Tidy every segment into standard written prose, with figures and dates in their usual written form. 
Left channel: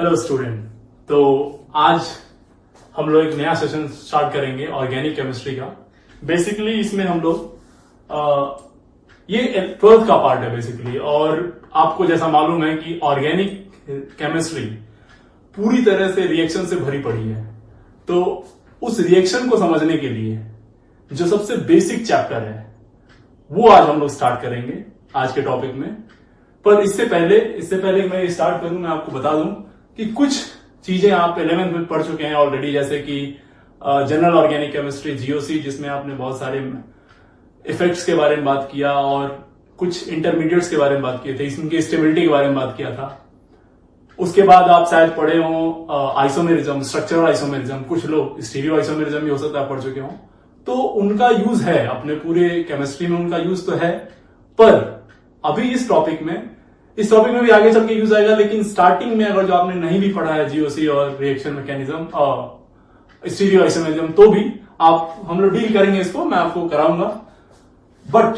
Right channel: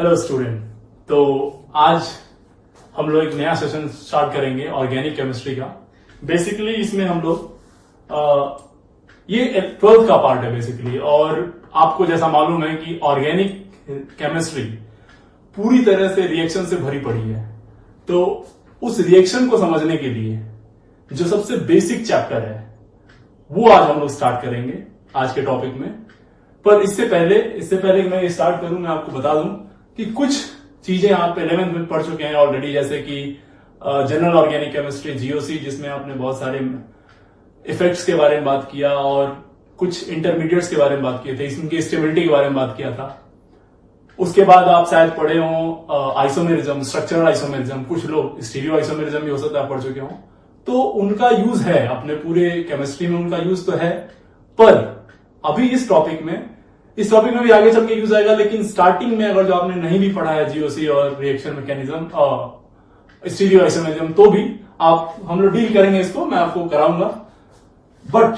Hello student. तो आज हम लोग एक नया सेशन स्टार्ट करेंगे ऑर्गेनिक केमिस्ट्री का। बेसिकली इसमें हम लोग ये 12th का पार्ट है बेसिकली। और आपको जैसा मालूम है कि ऑर्गेनिक केमिस्ट्री पूरी तरह से रिएक्शन से भरी पड़ी है। तो उस रिएक्शन को समझने के लिए जो सबसे बेसिक चैप्टर है वो आज हम लोग स्टार्ट करेंगे आज के टॉपिक में। पर इससे पहले मैं स्टार्ट करूं, मैं आपको बता दूं कि कुछ चीजें आप 11th में पढ़ चुके हैं ऑलरेडी, जैसे कि जनरल ऑर्गेनिक केमिस्ट्री जीओसी, जिसमें आपने बहुत सारे इफेक्ट्स के बारे में बात किया और कुछ इंटरमीडिएट्स के बारे में बात किए थे, इनकी स्टेबिलिटी के बारे में बात किया था। उसके बाद आप शायद पढ़े हो आइसोमेरिज्म, स्ट्रक्चरल आइसोमेरिज्म, कुछ लोग स्टीरियो आइसोमेरिज्म भी हो सकता है पढ़ चुके हो। तो उनका यूज है अपने पूरे केमिस्ट्री में, उनका यूज तो है। पर अभी इस टॉपिक में भी आगे चल के यूज आएगा। लेकिन स्टार्टिंग में अगर जो आपने नहीं भी पढ़ा है जीओसी और रिएक्शन मैकेनिज्म और स्टीरियो आइसोमेरिज्म, तो भी हम लोग डील करेंगे इसको, मैं आपको कराऊंगा। बट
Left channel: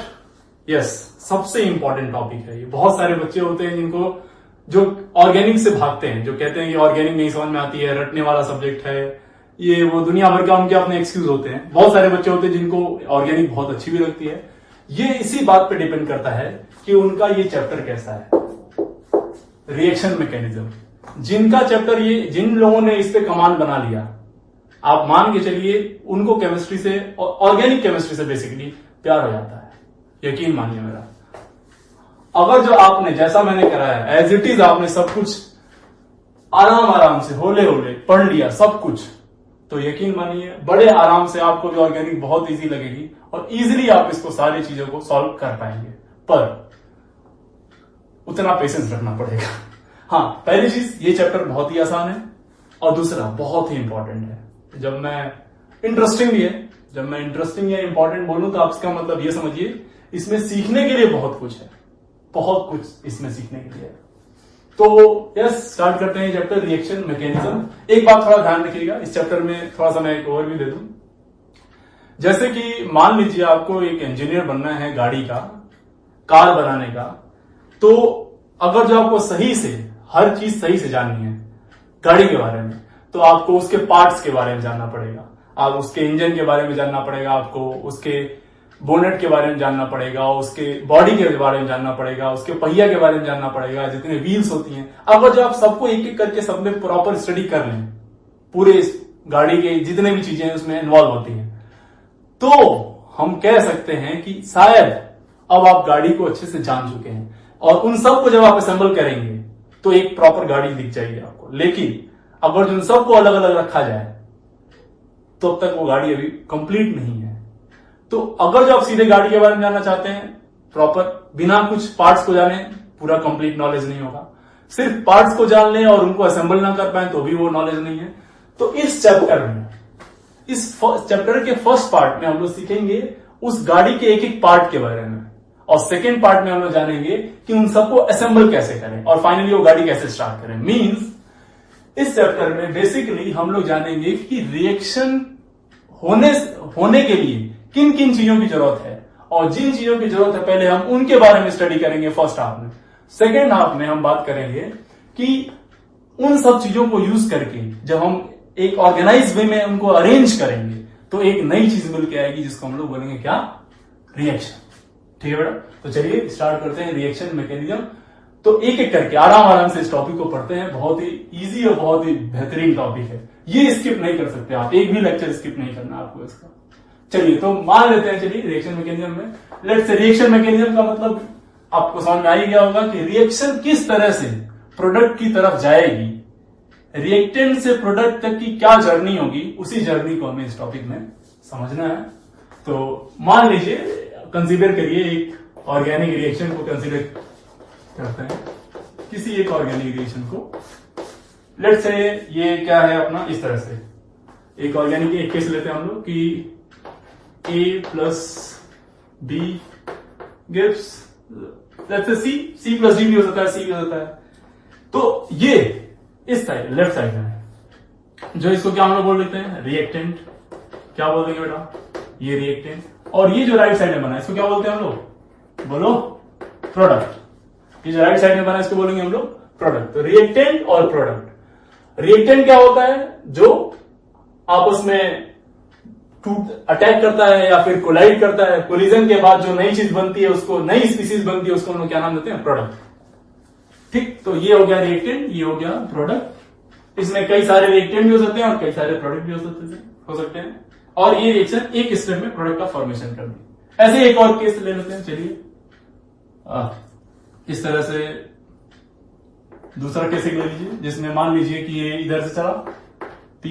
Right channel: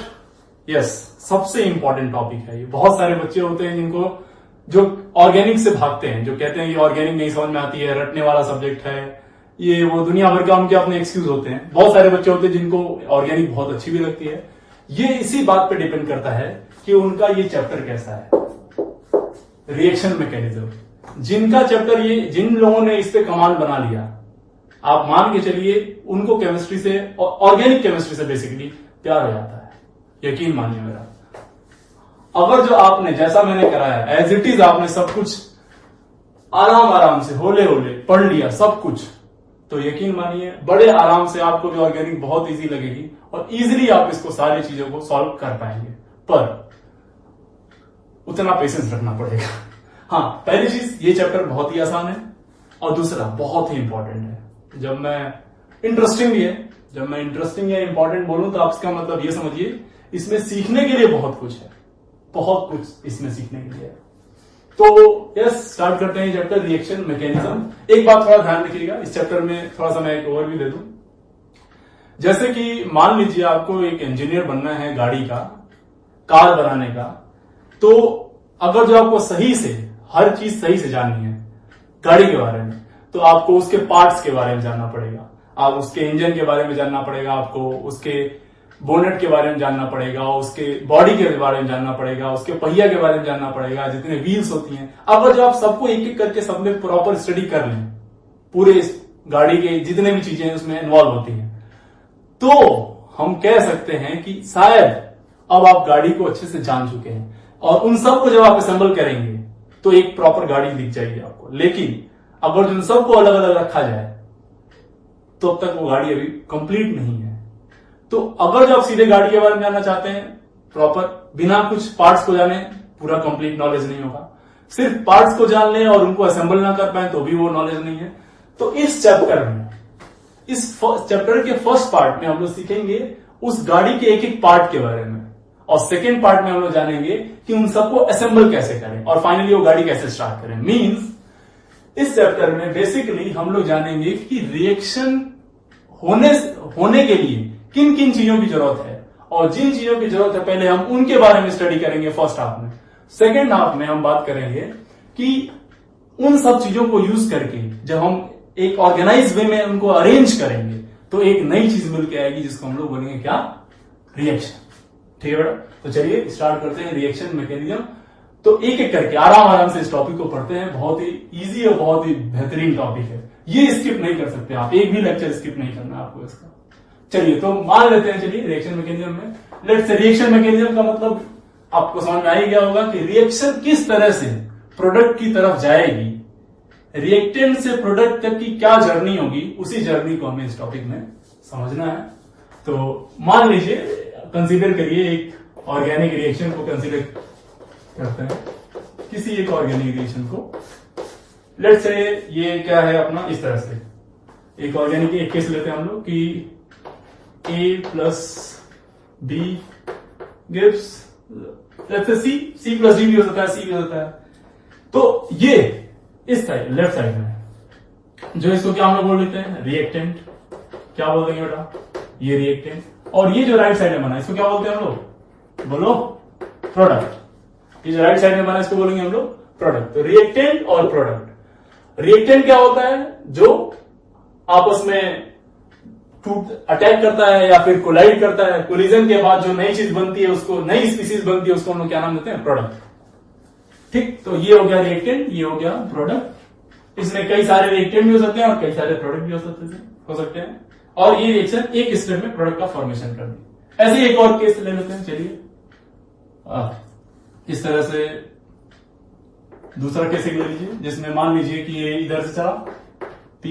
यस, सबसे इंपॉर्टेंट टॉपिक है ये। बहुत सारे बच्चे होते हैं जिनको जो ऑर्गेनिक से भागते हैं, जो कहते हैं ये ऑर्गेनिक नहीं समझ में आती है, रटने वाला सब्जेक्ट है, ये वो दुनिया भर का उनके अपने एक्सक्यूज होते हैं। बहुत सारे बच्चे होते हैं जिनको ऑर्गेनिक बहुत अच्छी भी लगती है। ये इसी बात पे डिपेंड करता है कि उनका ये चैप्टर कैसा है, रिएक्शन मैकेनिज्म। जिनका चैप्टर जिन लोगों ने इस पे कमांड बना लिया, आप मान के चलिए उनको केमिस्ट्री से, ऑर्गेनिक केमिस्ट्री से बेसिकली प्यार हो जाता है। यकीन मानिए मेरा। अगर जो आपने, जैसा मैंने कराया एज इट इज, आपने सब कुछ आराम से होले पढ़ लिया सब कुछ, तो यकीन मानिए बड़े आराम से आपको भी ऑर्गेनिक बहुत इजी लगेगी और इजीली आप इसको सारी चीजों को सॉल्व कर पाएंगे। पर उतना पेशेंस रखना पड़ेगा। हाँ, पहली चीज, ये चैप्टर बहुत ही आसान है और दूसरा बहुत ही इंपॉर्टेंट है। जब मैं इंटरेस्टिंग या इंपॉर्टेंट बोलूं तो आप इसका मतलब ये समझिए इसमें सीखने के लिए बहुत कुछ है, बहुत कुछ इसमें सीखने के लिए है। तो यस, स्टार्ट करते हैं चैप्टर रिएक्शन मैकेनिज्म। एक बात थोड़ा ध्यान रखिएगा, इस चैप्टर में थोड़ा सा मैं एक ओवरव्यू दे दूं। जैसे कि मान लीजिए आपको एक इंजीनियर बनना है गाड़ी का, कार बनाने का। तो अगर जो आपको सही से हर चीज सही से जाननी है गाड़ी के बारे में, तो आपको उसके पार्ट्स के बारे में जानना पड़ेगा, आप उसके इंजन के बारे में जानना पड़ेगा, आपको उसके बोनेट के बारे में जानना पड़ेगा, उसके बॉडी के बारे में जानना पड़ेगा, उसके पहिया के बारे में जानना पड़ेगा, जितने व्हील्स होती हैं। अगर जो आप सबको एक एक करके सब में प्रॉपर स्टडी कर लें, पूरे गाड़ी के जितने भी चीजें उसमें इन्वॉल्व होती हैं, तो हम कह सकते हैं कि शायद अब आप गाड़ी को अच्छे से जान चुके हैं। और उन सबको जब आप असेंबल करेंगे तो एक प्रॉपर गाड़ी दिख जाएगी आपको। लेकिन अगर उन सबको अलग अलग रखा जाए तो अब तक वो गाड़ी अभी कंप्लीट नहीं है। तो अगर जो आप सीधे गाड़ी के बारे में जानना चाहते हैं प्रॉपर, बिना कुछ पार्ट्स को जाने, पूरा कंप्लीट नॉलेज नहीं होगा। सिर्फ पार्ट्स को जान लें और उनको असेंबल ना कर पाए तो भी वो नॉलेज नहीं है। तो इस चैप्टर के फर्स्ट पार्ट में हम लोग सीखेंगे उस गाड़ी के एक एक पार्ट के बारे में, और सेकेंड पार्ट में हम लोग जानेंगे कि उन सबको असेंबल कैसे करें और फाइनली वो गाड़ी कैसे स्टार्ट करें। मींस इस चैप्टर में बेसिकली हम लोग जानेंगे कि रिएक्शन होने के लिए किन किन चीजों की जरूरत है, और जिन चीजों की जरूरत है पहले हम उनके बारे में स्टडी करेंगे फर्स्ट हाफ में। सेकेंड हाफ में हम बात करेंगे कि उन सब चीजों को यूज करके जब हम एक ऑर्गेनाइज वे में उनको अरेंज करेंगे तो एक नई चीज मिल के आएगी जिसको हम लोग बोलेंगे क्या, रिएक्शन। ठीक है बेटा, तो चलिए स्टार्ट करते हैं रिएक्शन मैकेनिज्म। तो एक एक करके आराम से इस टॉपिक को पढ़ते हैं। बहुत ही इजी और बहुत ही बेहतरीन टॉपिक है, ये स्किप नहीं कर सकते आप, एक भी लेक्चर स्किप नहीं करना आपको इसका। चलिए तो मान लेते हैं, चलिए रिएक्शन मैकेनिज्म में लेट्स से रिएक्शन मैकेनिज्म का मतलब आपको समझ में आ ही गया होगा कि रिएक्शन किस तरह से प्रोडक्ट की तरफ जाएगी, रिएक्टेंट से प्रोडक्ट तक की क्या जर्नी होगी, उसी जर्नी को हमें इस टॉपिक में समझना है। तो मान लीजिए, कंसीडर करिए एक ऑर्गेनिक रिएक्शन को कंसीडर करते हैं, किसी एक ऑर्गेनिक रिएक्शन को। लेट्स से ये क्या है अपना, इस तरह से एक ऑर्गेनिक एक केस लेते हैं हम लोग कि A plus B gives let's say C plus D भी हो सकता है, C भी हो सकता है। तो ये इस साइड, लेफ्ट साइड में, जो इसको क्या हम लोग बोल देते हैं, रिएक्टेंट। क्या बोल देंगे बेटा, ये रिएक्टेंट। और ये जो राइट साइड में बना इसको क्या बोलते हैं हम लोग, बोलो, प्रोडक्ट। ये जो राइट साइड में बना इसको बोलेंगे हम लोग प्रोडक्ट। तो रिएक्टेंट और प्रोडक्ट, रिएक्टेंट क्या होता है? जो आपस में अटैक करता है या फिर कोलाइड करता है, कोलिजन के बाद जो नई चीज बनती है, उसको नई स्पीसीज बनती है, उसको हम लोग क्या नाम देते हैं? प्रोडक्ट। ठीक, तो ये हो गया रिएक्टेंट, ये हो गया प्रोडक्ट। इसमें कई सारे रिएक्टेंट भी हो सकते हैं और कई सारे प्रोडक्ट भी हो सकते हैं और ये रिएक्शन एक स्टेप में प्रोडक्ट का फॉर्मेशन कर दी। ऐसे एक और केस ले लेते हैं, चलिए इस तरह से दूसरा केस ले लीजिए, जिसमें मान लीजिए कि ये इधर से चला, P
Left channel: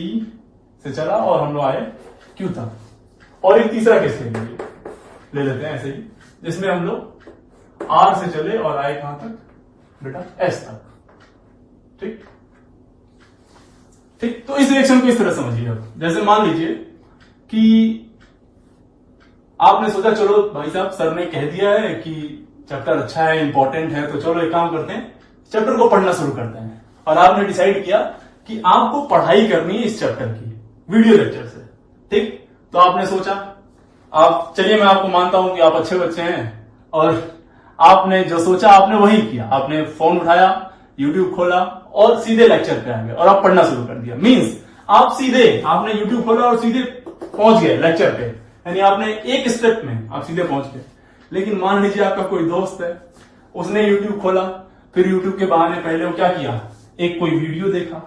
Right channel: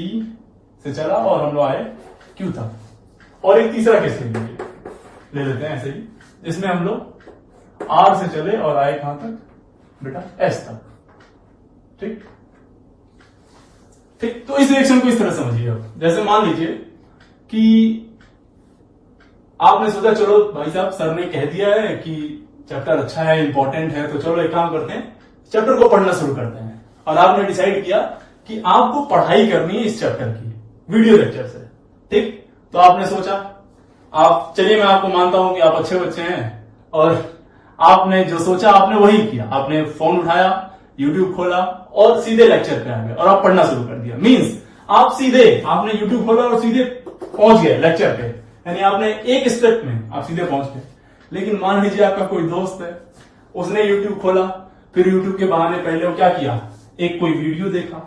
से चला और हम लोग आए Q तक। और एक तीसरा केस ले लेते हैं ऐसे ही, जिसमें हम लोग R से चले और आए कहां तक? बेटा S तक। ठीक ठीक, तो इस रिएक्शन को इस तरह समझिए। अब जैसे मान लीजिए कि आपने सोचा चलो भाई साहब सर ने कह दिया है कि चैप्टर अच्छा है, इंपॉर्टेंट है, तो चलो एक काम करते हैं, चैप्टर को पढ़ना शुरू करते हैं। और आपने डिसाइड किया कि आपको पढ़ाई करनी है इस चैप्टर की वीडियो लेक्चर से। ठीक, तो आपने सोचा, आप चलिए मैं आपको मानता हूं कि आप अच्छे बच्चे हैं और आपने जो सोचा आपने वही किया। आपने फोन उठाया, यूट्यूब खोला और सीधे लेक्चर पे आ गए और आप पढ़ना शुरू कर दिया। मींस आप सीधे आपने यूट्यूब खोला और सीधे पहुंच गए लेक्चर पे, यानी आपने एक स्टेप में आप सीधे पहुंच गए। लेकिन मान लीजिए आपका कोई दोस्त है, उसने यूट्यूब खोला, फिर यूट्यूब के बहाने पहले वो क्या किया, एक कोई वीडियो देखा,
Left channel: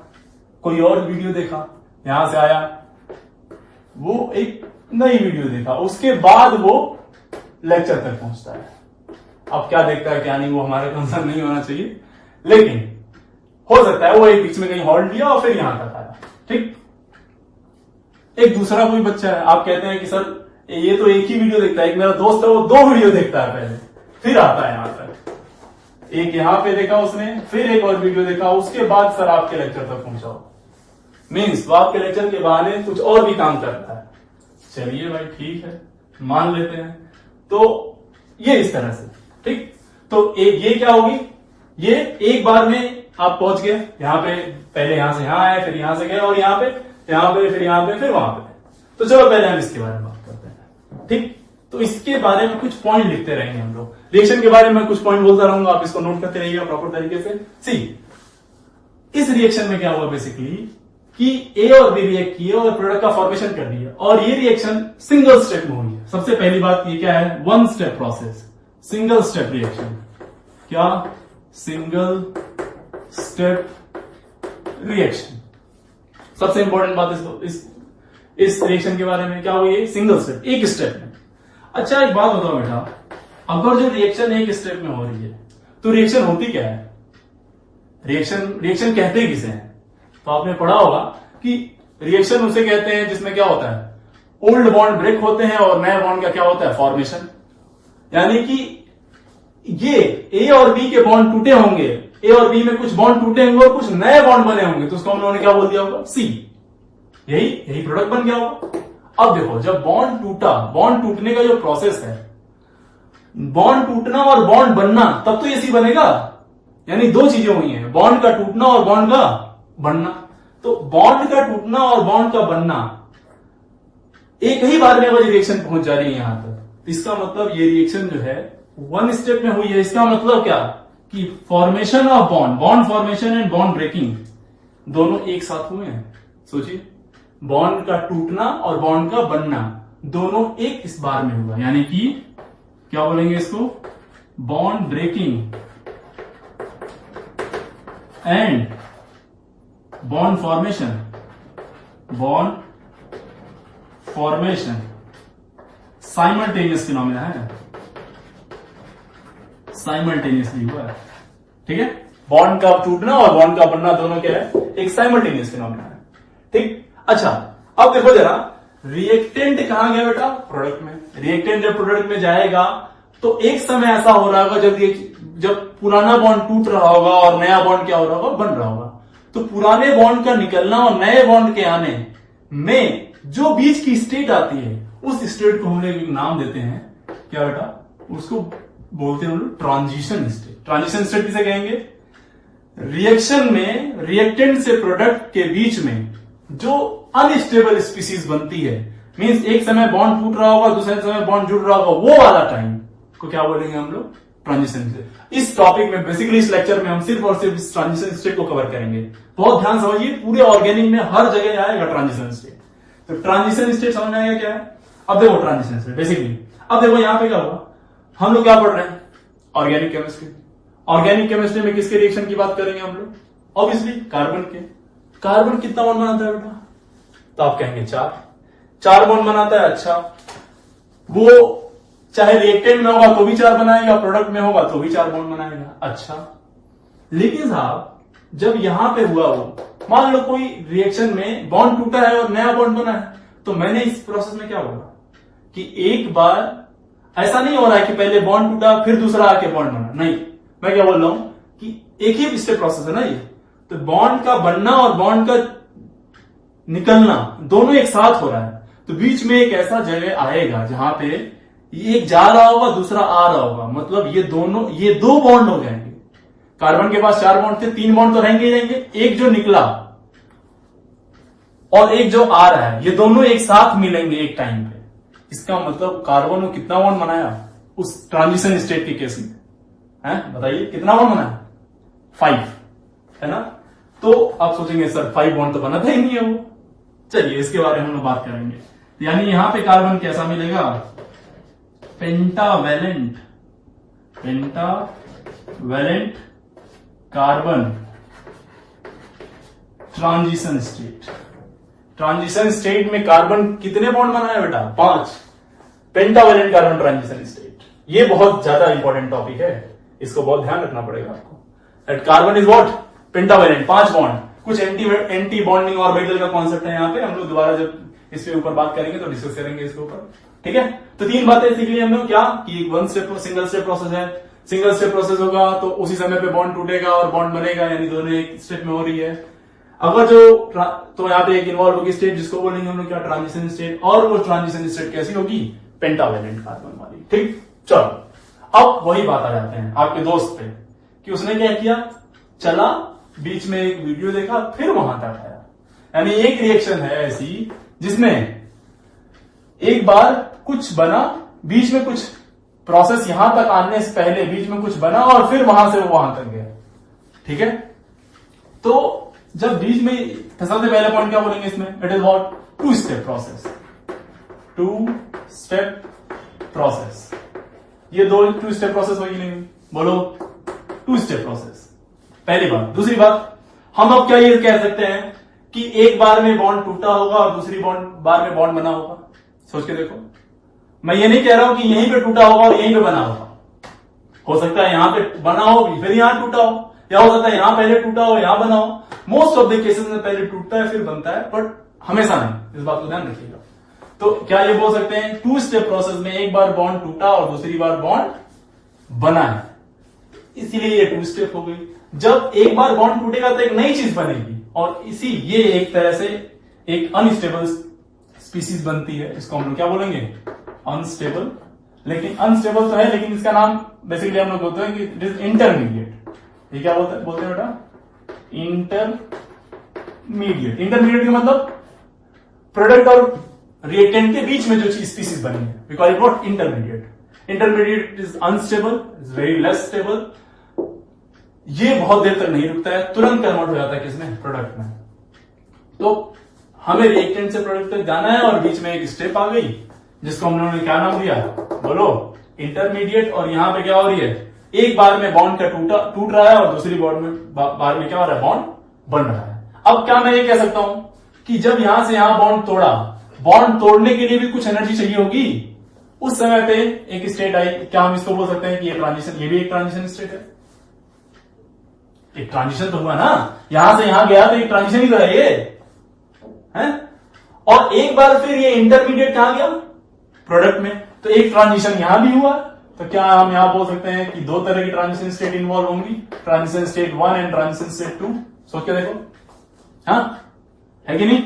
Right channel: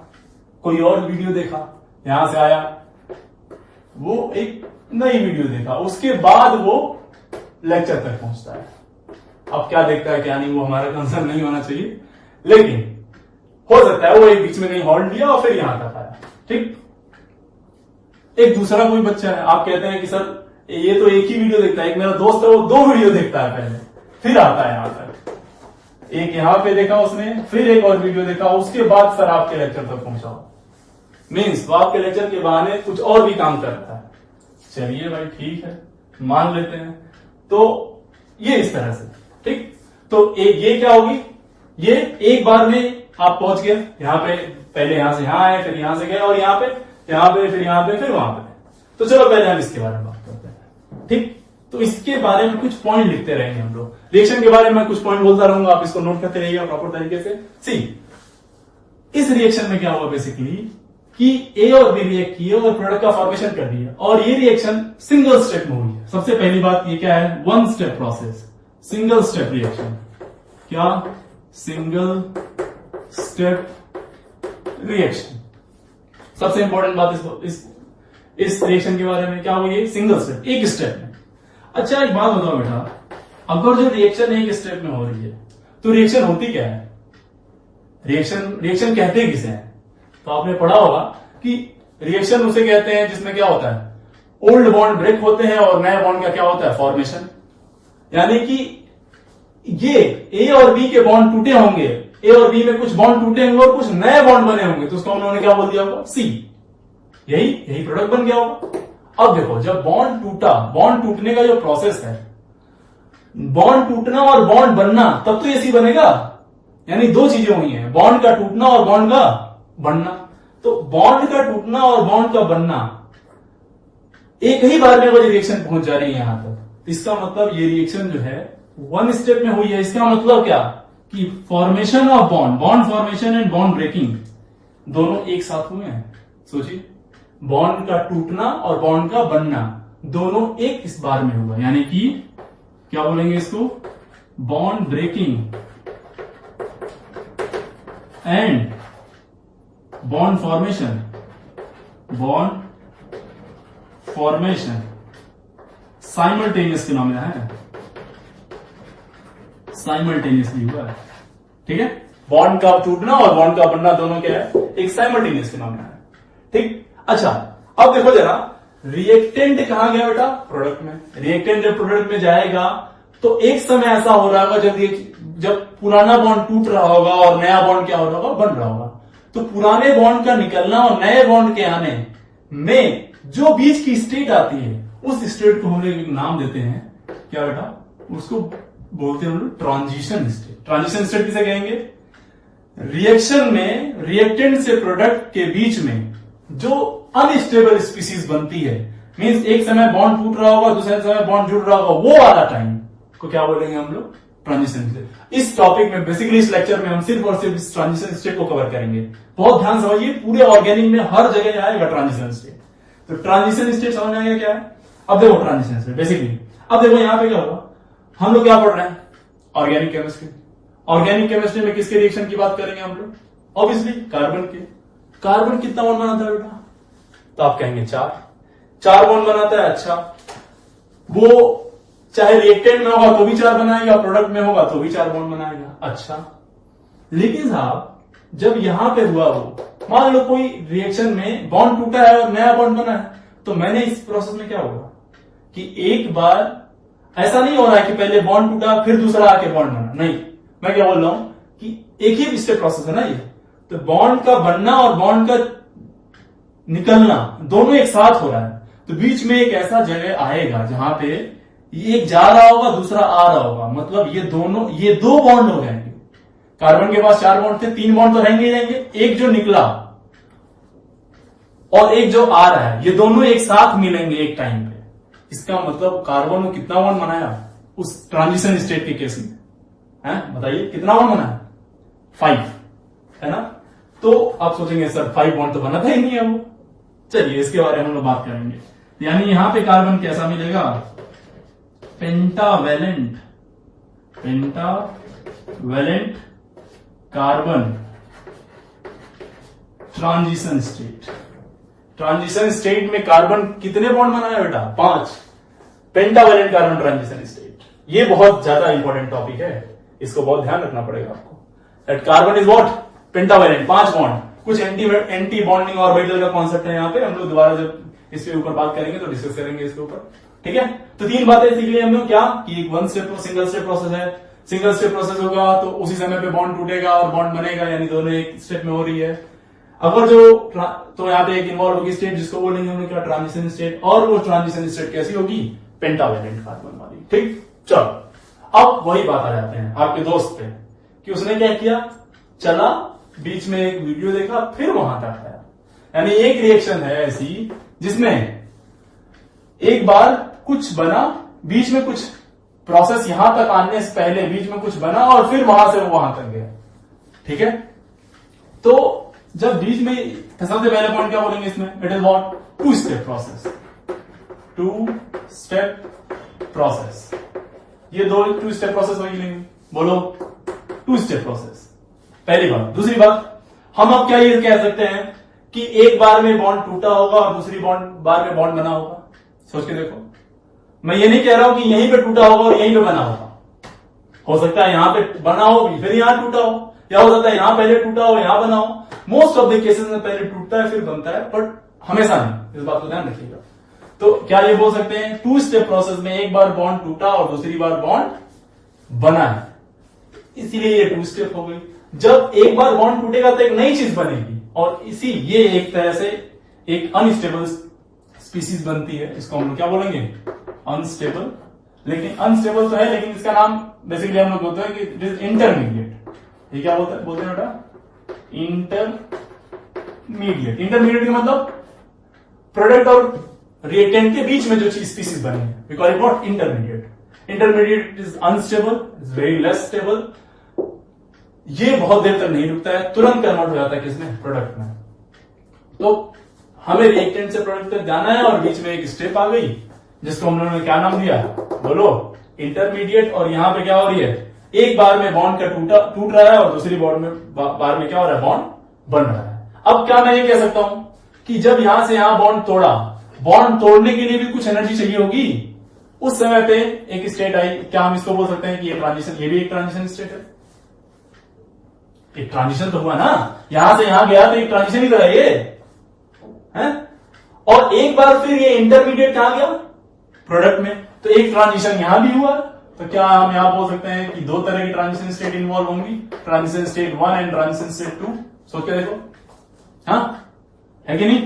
कोई और वीडियो देखा, यहां से आया, वो एक नई वीडियो देखा, उसके बाद वो लेक्चर तक पहुंचता है। अब क्या देखता है क्या नहीं, वो हमारा कंसर्न नहीं होना चाहिए, लेकिन हो सकता है वो एक बीच में कहीं हॉल्ट लिया और फिर यहां तक आया। ठीक, एक दूसरा कोई बच्चा है, आप कहते हैं कि सर ये तो एक ही वीडियो देखता है, एक मेरा दोस्त है वो 2 वीडियो देखता है पहले, फिर आता है यहां तक। एक यहां पे देखा उसने, फिर एक और वीडियो देखा, उसके बाद सर आपके लेक्चर तक पहुंचा। मीन्स वो आपके लेक्चर के बहाने कुछ और भी काम करता है। चलिए भाई ठीक है, मान लेते हैं। तो ये इस तरह से, ठीक, तो ये क्या होगी, ये एक बार में आप पहुंच गए यहां पे, पहले यहां से यहां आए, फिर यहां से गए और यहां पे, फिर यहां पे, फिर वहां पे। तो चलो पहले हम इसके बारे में बात करते हैं। ठीक, तो इसके बारे में कुछ पॉइंट लिखते रहेंगे हम लोग। रिएक्शन के बारे में कुछ पॉइंट बोलता रहूंगा, आप इसको नोट करते रहिएगा प्रॉपर तरीके से। सी, इस रिएक्शन में क्या हुआ बेसिकली कि ए और बी रिएक्ट किए और प्रोडक्ट का फॉर्मेशन कर दिया, और ये रिएक्शन सिंगल स्टेप में हुई है। सबसे पहली बात ये क्या है, 1 step process, single step reaction. क्या? Single step reaction. सबसे इंपॉर्टेंट बात इस रिएक्शन के बारे में क्या हुई, सिंगल स्टेप, एक स्टेप में। अच्छा एक बात बताओ बेटा, अगर जो रिएक्शन एक स्टेप में हो रही है तो रिएक्शन होती क्या है? रिएक्शन कहते किसे हैं? तो आपने पढ़ा होगा कि रिएक्शन उसे कहते हैं जिसमें क्या होता है, ओल्ड बॉन्ड ब्रेक होते हैं और नए बॉन्ड का क्या होता है, फॉर्मेशन। यानी कि ये ए और बी के बॉन्ड टूटे होंगे, ए और बी में कुछ बॉन्ड टूटे होंगे और कुछ नए बॉन्ड बने होंगे, तो उसको हम लोगों ने क्या बोल दिया होगा, सी। यही प्रोडक्ट बन गया होगा। अब देखो, जब बॉन्ड टूटा, बॉन्ड टूटने का जो प्रोसेस है, बॉन्ड टूटना और बॉन्ड बनना, तब तो ये सी बनेगा। यानी 2 चीजें हुई हैं, बॉन्ड का टूटना और बॉन्ड का बनना। तो बॉन्ड का टूटना और बॉन्ड का बनना एक ही बार में अगर रिएक्शन पहुंच जा रही है यहां तक, तो इसका मतलब ये रिएक्शन जो है 1 स्टेप में हुई है। इसका मतलब क्या कि formation of bond formation and bond breaking दोनों एक साथ हुए हैं। सोचिए, बॉन्ड का टूटना और बॉन्ड का बनना दोनों एक इस बार में हुआ, यानी कि क्या बोलेंगे इसको, bond breaking and bond formation simultaneous phenomena है, साइमल्टेनियसली हुआ है। ठीक है, बॉन्ड का टूटना और बॉन्ड का बनना दोनों क्या है, एक साइमल्टेनियस फिनोमेना है। ठीक, अच्छा अब देखो जरा, रिएक्टेंट कहां गया बेटा, प्रोडक्ट में। रिएक्टेंट जब प्रोडक्ट में जाएगा तो एक समय ऐसा हो रहा होगा जब पुराना बॉन्ड टूट रहा होगा और नया बॉन्ड क्या हो रहा होगा, बन रहा होगा। तो पुराने बॉन्ड का निकलना और नए बॉन्ड के आने में जो बीच की स्टेट आती है, उस स्टेट को हम लोग एक नाम देते हैं, क्या बेटा, उसको बोलते हैं हम लोग ट्रांजिशन स्टेट। ट्रांजिशन स्टेट किसे कहेंगे, रिएक्शन में रिएक्टेंट से प्रोडक्ट के बीच में जो अनस्टेबल स्पीसीज बनती है, मींस एक समय बॉन्ड टूट रहा होगा, दूसरे समय बॉन्ड जुड़ रहा होगा, वो वाला टाइम को क्या बोलेंगे हम लोग, ट्रांजिशन स्टेट। इस टॉपिक में बेसिकली इस लेक्चर में हम सिर्फ और सिर्फ इस ट्रांजिशन स्टेट को कवर करेंगे। बहुत ध्यान समझिए, पूरे ऑर्गेनिक में हर जगह आएगा ट्रांजिशन स्टेट। तो ट्रांजिशन स्टेट समझ में आएगा क्या है। अब देखो ट्रांजिशन स्टेट बेसिकली, अब देखो यहां पे क्या होगा, हम लोग क्या पढ़ रहे हैं, ऑर्गेनिक केमिस्ट्री। ऑर्गेनिक केमिस्ट्री में किसके रिएक्शन की बात करेंगे हम लोग, ऑब्वियसली कार्बन के। कार्बन कितना बॉन्ड बनाता है बेटा, तो आप कहेंगे 4 बॉन्ड बनाता है। अच्छा, वो चाहे रिएक्टेंट में होगा तो भी 4 बनाएगा, प्रोडक्ट में होगा तो भी 4 बॉन्ड बनाएगा। अच्छा, लेकिन साहब जब यहां पे हुआ वो, मान लो कोई रिएक्शन में बॉन्ड टूटा है और नया बॉन्ड बना है, तो मैंने इस प्रोसेस में क्या होगा कि एक बार ऐसा नहीं हो रहा है कि पहले बॉन्ड टूटा फिर दूसरा आके बॉन्ड बना, नहीं, मैं क्या बोल रहा हूं कि एक ही स्टेप प्रोसेस है ना ये। तो बॉन्ड का बनना और बॉन्ड का निकलना दोनों एक साथ हो रहा है। तो बीच में एक ऐसा जगह आएगा जहां पे एक जा रहा होगा दूसरा आ रहा होगा, मतलब ये 2 बॉन्ड हो जाएंगे। कार्बन के पास 4 बॉन्ड थे, 3 बॉन्ड तो रहेंगे ही रहेंगे, एक जो निकला और एक जो आ रहा है, ये दोनों एक साथ मिलेंगे एक टाइम पे। इसका मतलब कार्बन ने कितना बॉन्ड बनाया उस ट्रांजिशन स्टेट के केस में, है बताइए कितना बॉन्ड बनाया, 5, है ना। तो आप सोचेंगे सर 5 बॉन्ड तो बनाता ही नहीं है वो। चलिए इसके बारे में हम लोग बात करेंगे। यानी यहां पे कार्बन कैसा मिलेगा, pentavalent carbon transition state. Transition state में कार्बन कितने बॉन्ड बनाया बेटा, 5। पेंटावैलेंट कार्बन ट्रांजिशन स्टेट, ये बहुत ज्यादा इंपॉर्टेंट टॉपिक है, इसको बहुत ध्यान रखना पड़ेगा आपको। That carbon is what, pentavalent, 5 bond. कुछ एंटी बॉन्डिंग ऑर्बिटल का कॉन्सेप्ट है यहाँ पे, हम लोग दोबारा जब इसके ऊपर बात करेंगे तो डिस्कस करेंगे इसके ऊपर, ठीक है। तो 3 बातें सीख ली हम लोग, क्या कि एक सिंगल स्टेप प्रोसेस है। सिंगल स्टेप प्रोसेस होगा तो उसी समय पे बॉन्ड टूटेगा और बॉन्ड बनेगा, यानी दोनों एक स्टेप में हो रही है। अगर तो यहाँ पे एक इन्वॉल्व होगी स्टेट जिसको बोलेंगे हम लोग क्या, ट्रांजिशन स्टेट। और वो ट्रांजिशन स्टेट कैसी होगी, पेंटावैलेंट कार्बन वाली, ठीक। चलो अब वही बात आ जाते हैं आपके दोस्त पे कि उसने क्या किया, चला बीच में एक वीडियो देखा फिर वहां तक आया। यानी एक रिएक्शन है ऐसी जिसमें एक बार कुछ बना, बीच में कुछ प्रोसेस यहां तक आने से पहले बीच में कुछ बना और फिर वहां से वो वहां तक गया, ठीक है। तो जब बीच में सबसे पहले पॉइंट क्या बोलेंगे इसमें, it is what, 2 step process. 2 step process, ये 2 स्टेप प्रोसेस वही लेंगे, बोलो 2 स्टेप प्रोसेस, पहली बात। दूसरी बात, हम अब क्या ये कह सकते हैं कि एक बार में बॉन्ड टूटा होगा और दूसरी बार में बॉन्ड बना होगा। सोच के देखो, मैं ये नहीं कह रहा हूं कि यहीं पे टूटा होगा और यहीं पे बना होगा। हो सकता है यहां पे बना हो फिर यहां टूटा हो, या हो सकता है यहां पहले टूटा हो यहां बना हो। मोस्ट ऑफ द केसेस में पहले टूटता है फिर बनता है, बट हमेशा नहीं, इस बात को ध्यान रखिएगा। तो क्या ये बोल सकते हैं 2 स्टेप प्रोसेस में एक बार बॉन्ड टूटा और दूसरी बार बॉन्ड बना है, इसीलिए ये 2 स्टेप हो गई। जब एक बार बॉन्ड टूटेगा तो एक नई चीज बनेगी, और ये एक तरह से एक अनस्टेबल स्पीसीज बनती है। इसको हम लोग क्या बोलेंगे, अनस्टेबल। लेकिन अनस्टेबल तो है, लेकिन इसका नाम बेसिकली हम लोग बोलते हैं कि इट इज इंटरमीडिएट। ये क्या बोलते हैं बेटा, इंटरमीडिएट। इंटरमीडिएट का मतलब प्रोडक्ट और रिएक्टेंट के बीच में जो चीज स्पीसीज बनी है, we call it what, intermediate. Intermediate is unstable, is very less stable. ये बहुत देर तक नहीं रुकता है, तुरंत कन्वर्ट हो जाता है किसमें, प्रोडक्ट में। तो हमें रिएक्टेंट से प्रोडक्ट तक जाना है और बीच में एक स्टेप आ गई जिसको हम लोगों ने क्या नाम दिया, बोलो, इंटरमीडिएट। और यहां पे क्या हो रही है, एक बार में बॉन्ड का टूट रहा है और दूसरी बार में क्या हो रहा है, बॉन्ड बन रहा है। अब क्या मैं ये कह सकता हूं कि जब यहां से यहां बॉन्ड तोड़ा, बॉन्ड तोड़ने के लिए भी कुछ एनर्जी चाहिए होगी। उस समय पे एक स्टेट आई, क्या हम इसको बोल सकते हैं कि ये ट्रांजिशन, ये भी एक ट्रांजिशन स्टेट है। एक ट्रांजिशन तो हुआ ना, यहां से यहां गया तो एक ट्रांजिशन ही तो है ये, है? और एक बार फिर ये इंटरमीडिएट कहां गया, प्रोडक्ट में। तो एक ट्रांजिशन यहां भी हुआ। तो क्या हम यहां बोल सकते हैं कि 2 तरह की ट्रांजिशन स्टेट इन्वॉल्व होंगी, transition state 1 and transition state 2। सोच के देखो, हाँ है कि नहीं।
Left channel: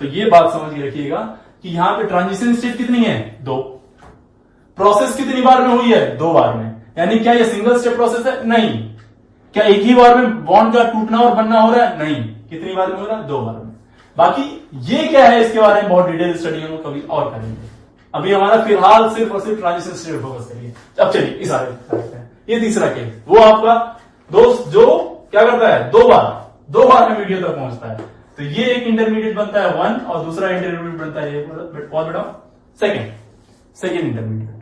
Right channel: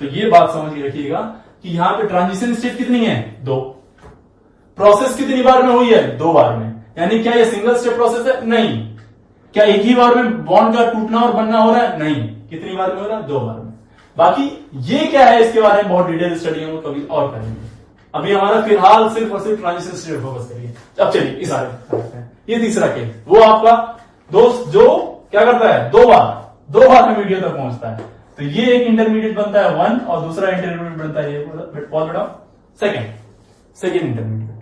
तो ये बात समझ के रखिएगा कि यहां पे ट्रांजिशन स्टेट कितनी है, 2। प्रोसेस कितनी बार में हुई है, 2 बार में। यानी क्या ये सिंगल स्टेप प्रोसेस है, नहीं। क्या एक ही बार में बॉन्ड का टूटना और बनना हो रहा है, नहीं। कितनी बार में हो रहा है, 2 बार में। बाकी ये क्या है, इसके बारे में बहुत डिटेल स्टडी हम कभी और करेंगे, अभी हमारा फिलहाल सिर्फ और सिर्फ ट्रांजिशन स्टेट फोकस करिए। अब चलिए इस आगे, ये तीसरा केस, वो आपका दोस्त जो क्या करता है, दो बार में वीडियो तक पहुंचता है। तो ये एक इंटरमीडिएट बनता है 1 और दूसरा इंटरमीडिएट बनता है बहुत बड़ा सेकेंड इंटरमीडिएट।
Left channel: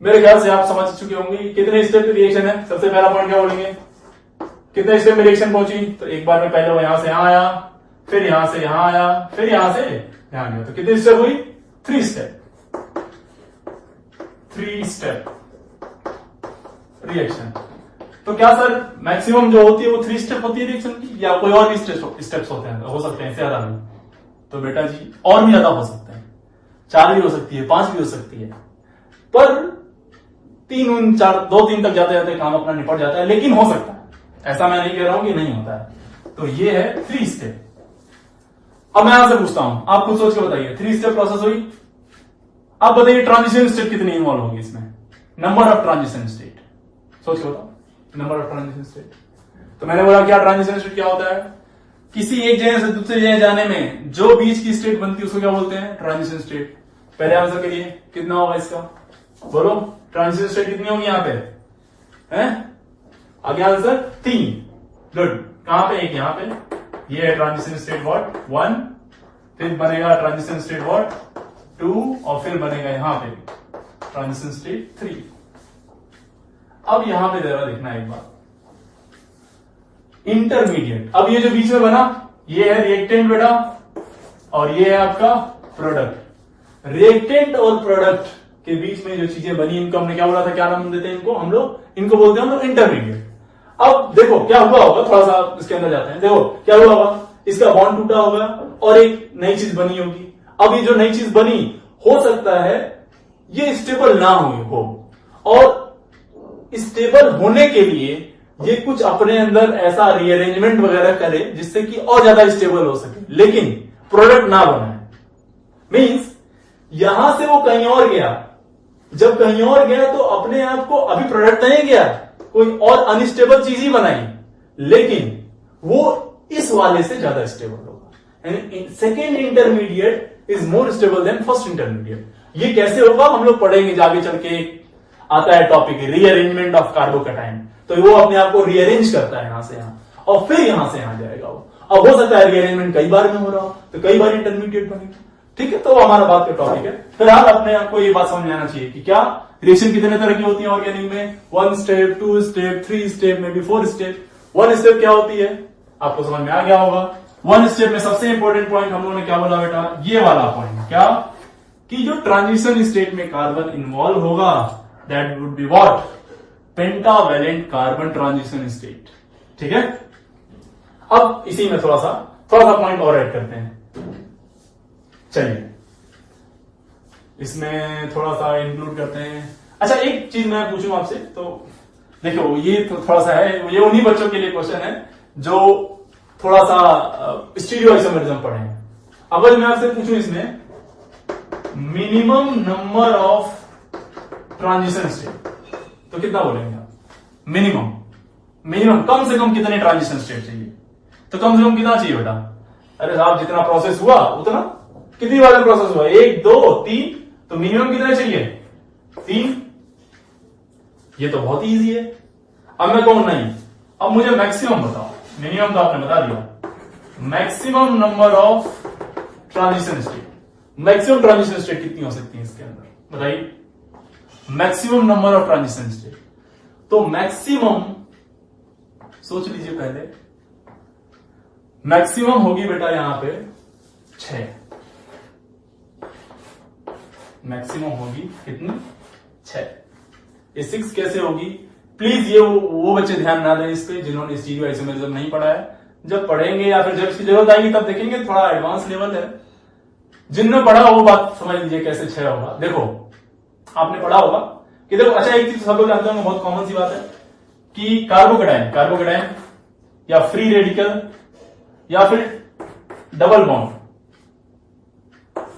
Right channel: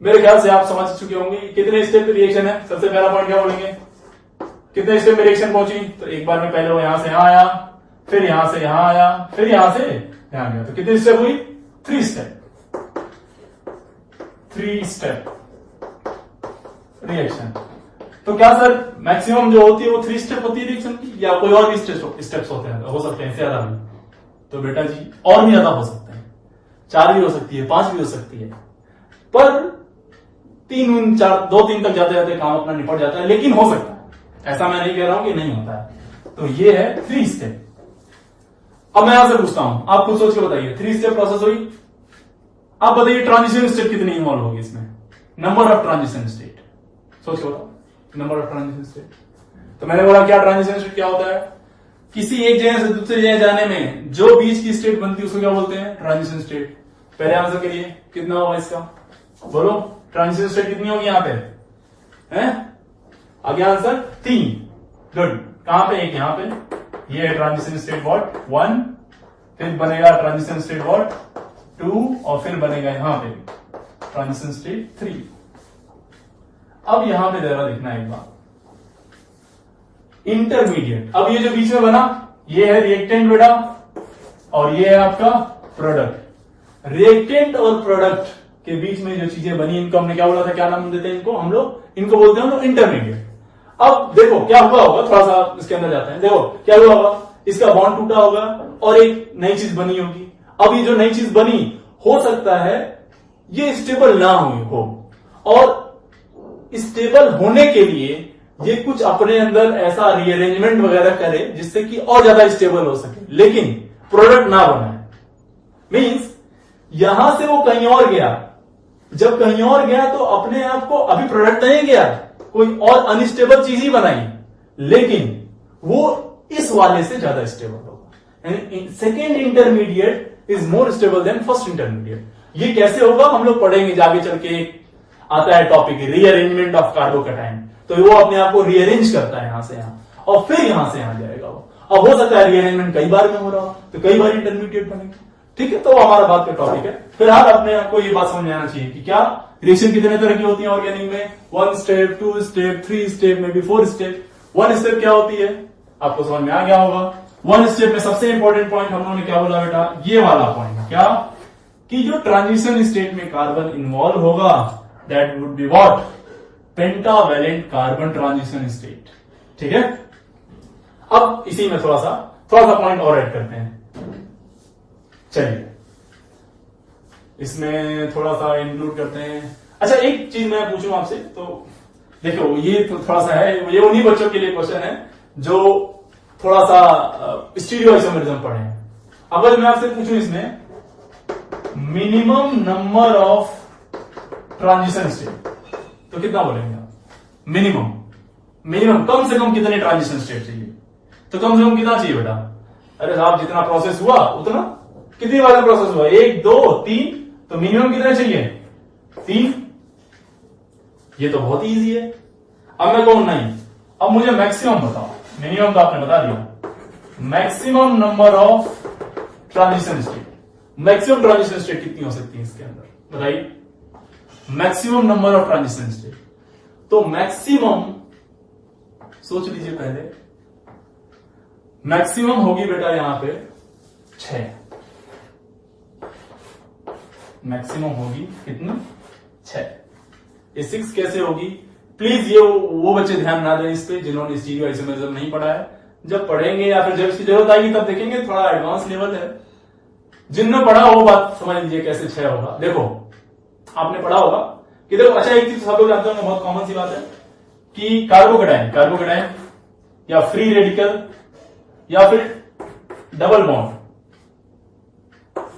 मेरे ख्याल से आप समझ चुके होंगे कितने स्टेप पे रिएक्शन है। सबसे पहला पॉइंट क्या बोलेंगे, कितने स्टेप में रिएक्शन पहुंची। तो एक बार में पहले वो यहां से यहां आया, फिर यहां से यहां आया, फिर यहां से यहां गया। तो कितनी स्टेप हुई, 3 स्टेप रिएक्शन। तो क्या सर मैक्सिमम जो होती है वो 3 स्टेप होती है रिएक्शन की, या कोई और भी स्टेप्स होते हैं, हो सकते हैं इससे ज्यादा भी। तो बेटा जी और भी ज्यादा हो सकते हैं, 4 भी हो सकती है, 5 भी हो सकती है, पर 3 4 2 3 तक जाते जाते काम अपना निपट जाता है। लेकिन हो सकता है, ऐसा मैं नहीं कह रहा हूं कि नहीं होता है। तो ये है 3 स्टेप। अब मैं यहां से पूछता हूं, आप खुद सोच के बताइए, 3 स्टेप प्रोसेस हुई। आप बताइए ट्रांजिशन स्टेट कितनी इन्वॉल्व होगी इसमें, नंबर ऑफ ट्रांजिशन स्टेट, सोच के बताओ, नंबर ऑफ ट्रांजिशन स्टेट। तो मैंने बोला क्या ट्रांजिशन स्टेट क्या होता है, किसी एक जगह से दूसरी जगह जाने में जो बीच की स्टेट बनती है उसको क्या बोलते हैं, ट्रांजिशन स्टेट। पहले आंसर करिए कितना होगा इसका, बोलो ट्रांजिशन स्टेट कितनी होगी यहां पे, हैं? आगे आंसर 3। गुड, कहां पे, एक यहां पे, ये है ट्रांजिशन स्टेट व्हाट 1, फिर बनेगा ट्रांजिशन स्टेट व्हाट 2, और फिर बनेगा यहां पे ट्रांजिशन स्टेट 3। अब यहां पे जरा देखना एक बात, इंटरमीडिएट। अब ये जो बीच में बना ये है रिएक्टेंट बेटा, और ये है आपका प्रोडक्ट। रिएक्टेंट और प्रोडक्ट के बीच में जो चीजें बनी इनको हमने क्या बोला था, क्या नाम देते हैं इनको, हम लोग इनको बोलते हैं हम लोग इंटरमीडिएट। अब देखो क्या हुआ होगा, थोड़ा सा इसके अंदर जाते हैं, देखो क्या हुआ होगा, इसका बॉन्ड टूटा होगा और एक नई चीज बनी होगी। अब ये जो नई चीज बनी, हो सकता है ये स्टेबल ना हो, और स्टेबल होने के लिए ये कुछ अपने अंदर ऐसा रीअरेंजमेंट वगैरह करे जिससे कि और ज्यादा स्टेबल हो सके, लेकिन प्रोडक्ट ना बनाए। मींस यहां से वो कहीं और गया, जब कहीं और गया तो अपने आप को, अभी प्रोडक्ट नहीं गया, कोई और अनस्टेबल चीज ही बनाई, लेकिन वो इस वाले से ज्यादा स्टेबल होगा। Second intermediate is more stable then first intermediate. ये कैसे होगा हम लोग पढ़ेंगे आगे चल के, आता है टॉपिक रीअरेंजमेंट ऑफ कार्बोकैटायन। तो वो अपने आप को रीअरेंज करता है यहां से यहां, और फिर यहां से यहां जाएगा वो। अब हो सकता है रीअरेंजमेंट कई बार में हो रहा हो, तो कई बार इंटरमीडिएट बनेगा, ठीक है। तो हमारा बात का टॉपिक है। फिलहाल अपने आपको ये बात समझ में आना चाहिए कि क्या रिएक्शन कितने तरह की होती है ऑर्गेनिक में, 1 step, 2 step, 3 step, may be 4 step. 1 step क्या होती है आपको समझ में आ गया होगा। 1 स्टेप में सबसे इंपॉर्टेंट पॉइंट हम लोगों ने क्या बोला बेटा, ये वाला पॉइंट, क्या कि जो ट्रांजिशन स्टेट में कार्बन इन्वॉल्व होगा that would be what, pentavalent carbon transition state, ठीक है। अब इसी में थोड़ा सा पॉइंट और ऐड करते हैं। चलिए इसमें थोड़ा सा इंक्लूड करते हैं। अच्छा एक चीज मैं पूछूं आपसे, तो देखो ये तो थोड़ा सा है, ये उन्हीं बच्चों के लिए क्वेश्चन है जो थोड़ा सा स्टीरियोआइसोमेरिज्म पढ़े हैं। अगर मैं आपसे पूछूं इसमें minimum number of transition state, तो कितना बोलेंगे आप, मिनिमम कम से कम कितने ट्रांजिशन स्टेट चाहिए, तो कम से कम कितना चाहिए बेटा, अरे साहब जितना प्रोसेस हुआ उतना, कितनी बार में प्रोसेस हुआ, 1 2 3, तो मिनिमम कितना चाहिए, 3। ये तो बहुत इजी है। अब मैं कहूं नहीं, अब मुझे मैक्सिमम बताओ, मिनिमम तो आपने बता दिया, maximum number of transition state, maximum transition state कितनी हो सकती है इसके अंदर, बताइए maximum number of transition state. तो मैक्सिमम सोच लीजिए पहले, मैक्सिमम होगी बेटा यहां पे 6, मैक्सिमम होगी कितनी, 6। ये 6 कैसे होगी, प्लीज ये वो बच्चे ध्यान ना दें इस पे जिन्होंने स्टीरियोआइसोमेरिज्म नहीं पढ़ा है। जब पढ़ेंगे या फिर जब इसकी जरूरत आएगी तब देखेंगे, थोड़ा एडवांस लेवल है। जिनने पढ़ा वो बात समझ लीजिए कैसे 6 होगा। देखो आपने पढ़ा होगा कि देखो, अच्छा एक चीज सब लोग जानते होंगे, बहुत कॉमन सी बात है कि कार्बोकैटायन या फ्री रेडिकल या फिर डबल बॉन्ड,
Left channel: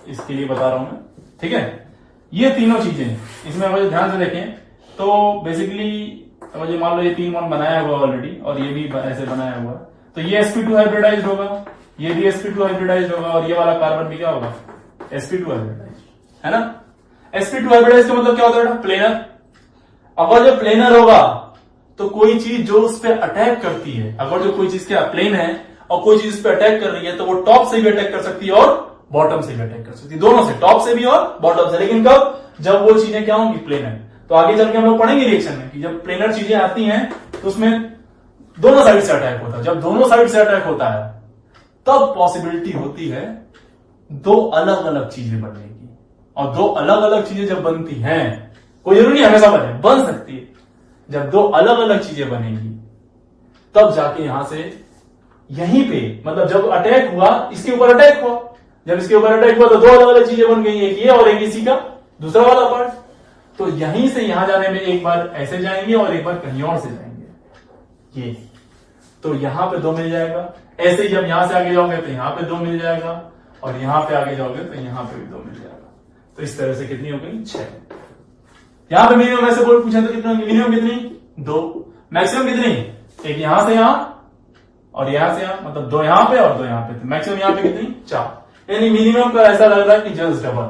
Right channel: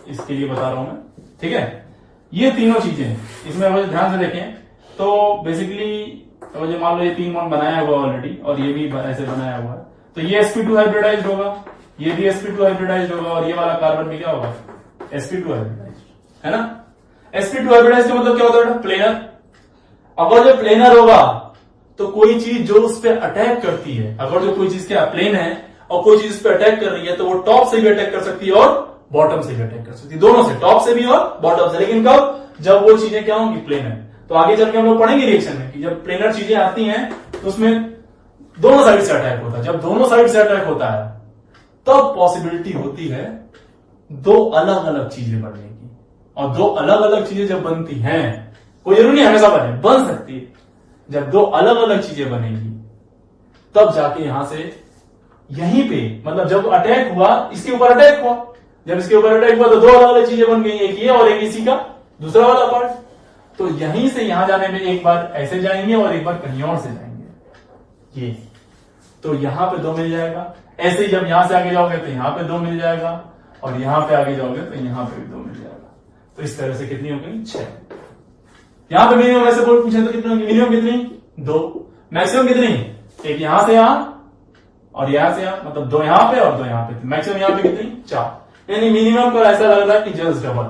इसके लिए बता रहा हूं मैं, ठीक है। ये तीनों चीजें इसमें मुझे ध्यान से देखें तो बेसिकली मुझे मान लो ये 3 बॉन्ड बनाया हुआ ऑलरेडी, और ये भी ऐसे बनाया हुआ है, तो ये sp2 हाइब्रिडाइज्ड होगा, ये भी sp2 हाइब्रिडाइज्ड होगा, और ये वाला कार्बन भी क्या होगा, sp2 हाइब्रिडाइज्ड, है ना। sp2 हाइब्रिडाइज का मतलब क्या होता है, प्लेनर। अगर जो प्लेनर होगा तो कोई चीज जो उस पर अटैक करती है, अगर जो कोई चीज क्या प्लेन है और कोई चीज उस पर अटैक कर रही है तो वो टॉप से भी अटैक कर सकती है और बॉटम से भी अटैक कर सकती है, दोनों से, टॉप से भी और बॉटम से। लेकिन कब, जब वो चीजें क्या होंगी, प्लेनर। तो आगे चल के हम लोग पढ़ेंगे रिएक्शन में कि जब प्लेनर चीजें आती हैं तो उसमें दोनों साइड से अटैक होता है। जब दोनों साइड से अटैक होता है तब पॉसिबिलिटी होती है दो अलग अलग चीजें बनने की। और दो अलग अलग चीजें जब बनती हैं, कोई जरूरी नहीं हमेशा बने, बन सकती है। जब दो अलग अलग चीजें बनेगी तब जाके यहां से यहीं पे, मतलब जब अटैक हुआ, इसके ऊपर अटैक हुआ, जब इसके ऊपर अटैक हुआ तो दो अलग अलग चीजें बन गई, एक ये और एक इसी का दूसरा वाला पार्ट। तो यहीं से यहां जाने में एक बार ऐसे जाएंगे और एक बार कहीं और से जाएंगे, ये। तो यहां पे दो मिल जाएगा। ऐसे ही जब यहां से आगे जाओगे तो यहां पे दो मिल जाएगा, और यहां पे आगे जाओगे तो यहां पे भी दो मिल जाएगा। तो इस तरह से कितनी हो गई, 6। यहां पे मिनिमम ऐसे बोल पूछा तो कितनी होगी, मिनिमम कितनी, 2। मैक्सिमम कितनी, एक यहां से यहां और यहां से यहां, मतलब 2 यहां पे और 2 यहां पे। मैक्सिमम यहां पे कितनी, 4। यानी मिनिमम का ऐसा लग रहा है कि जस्ट डबल,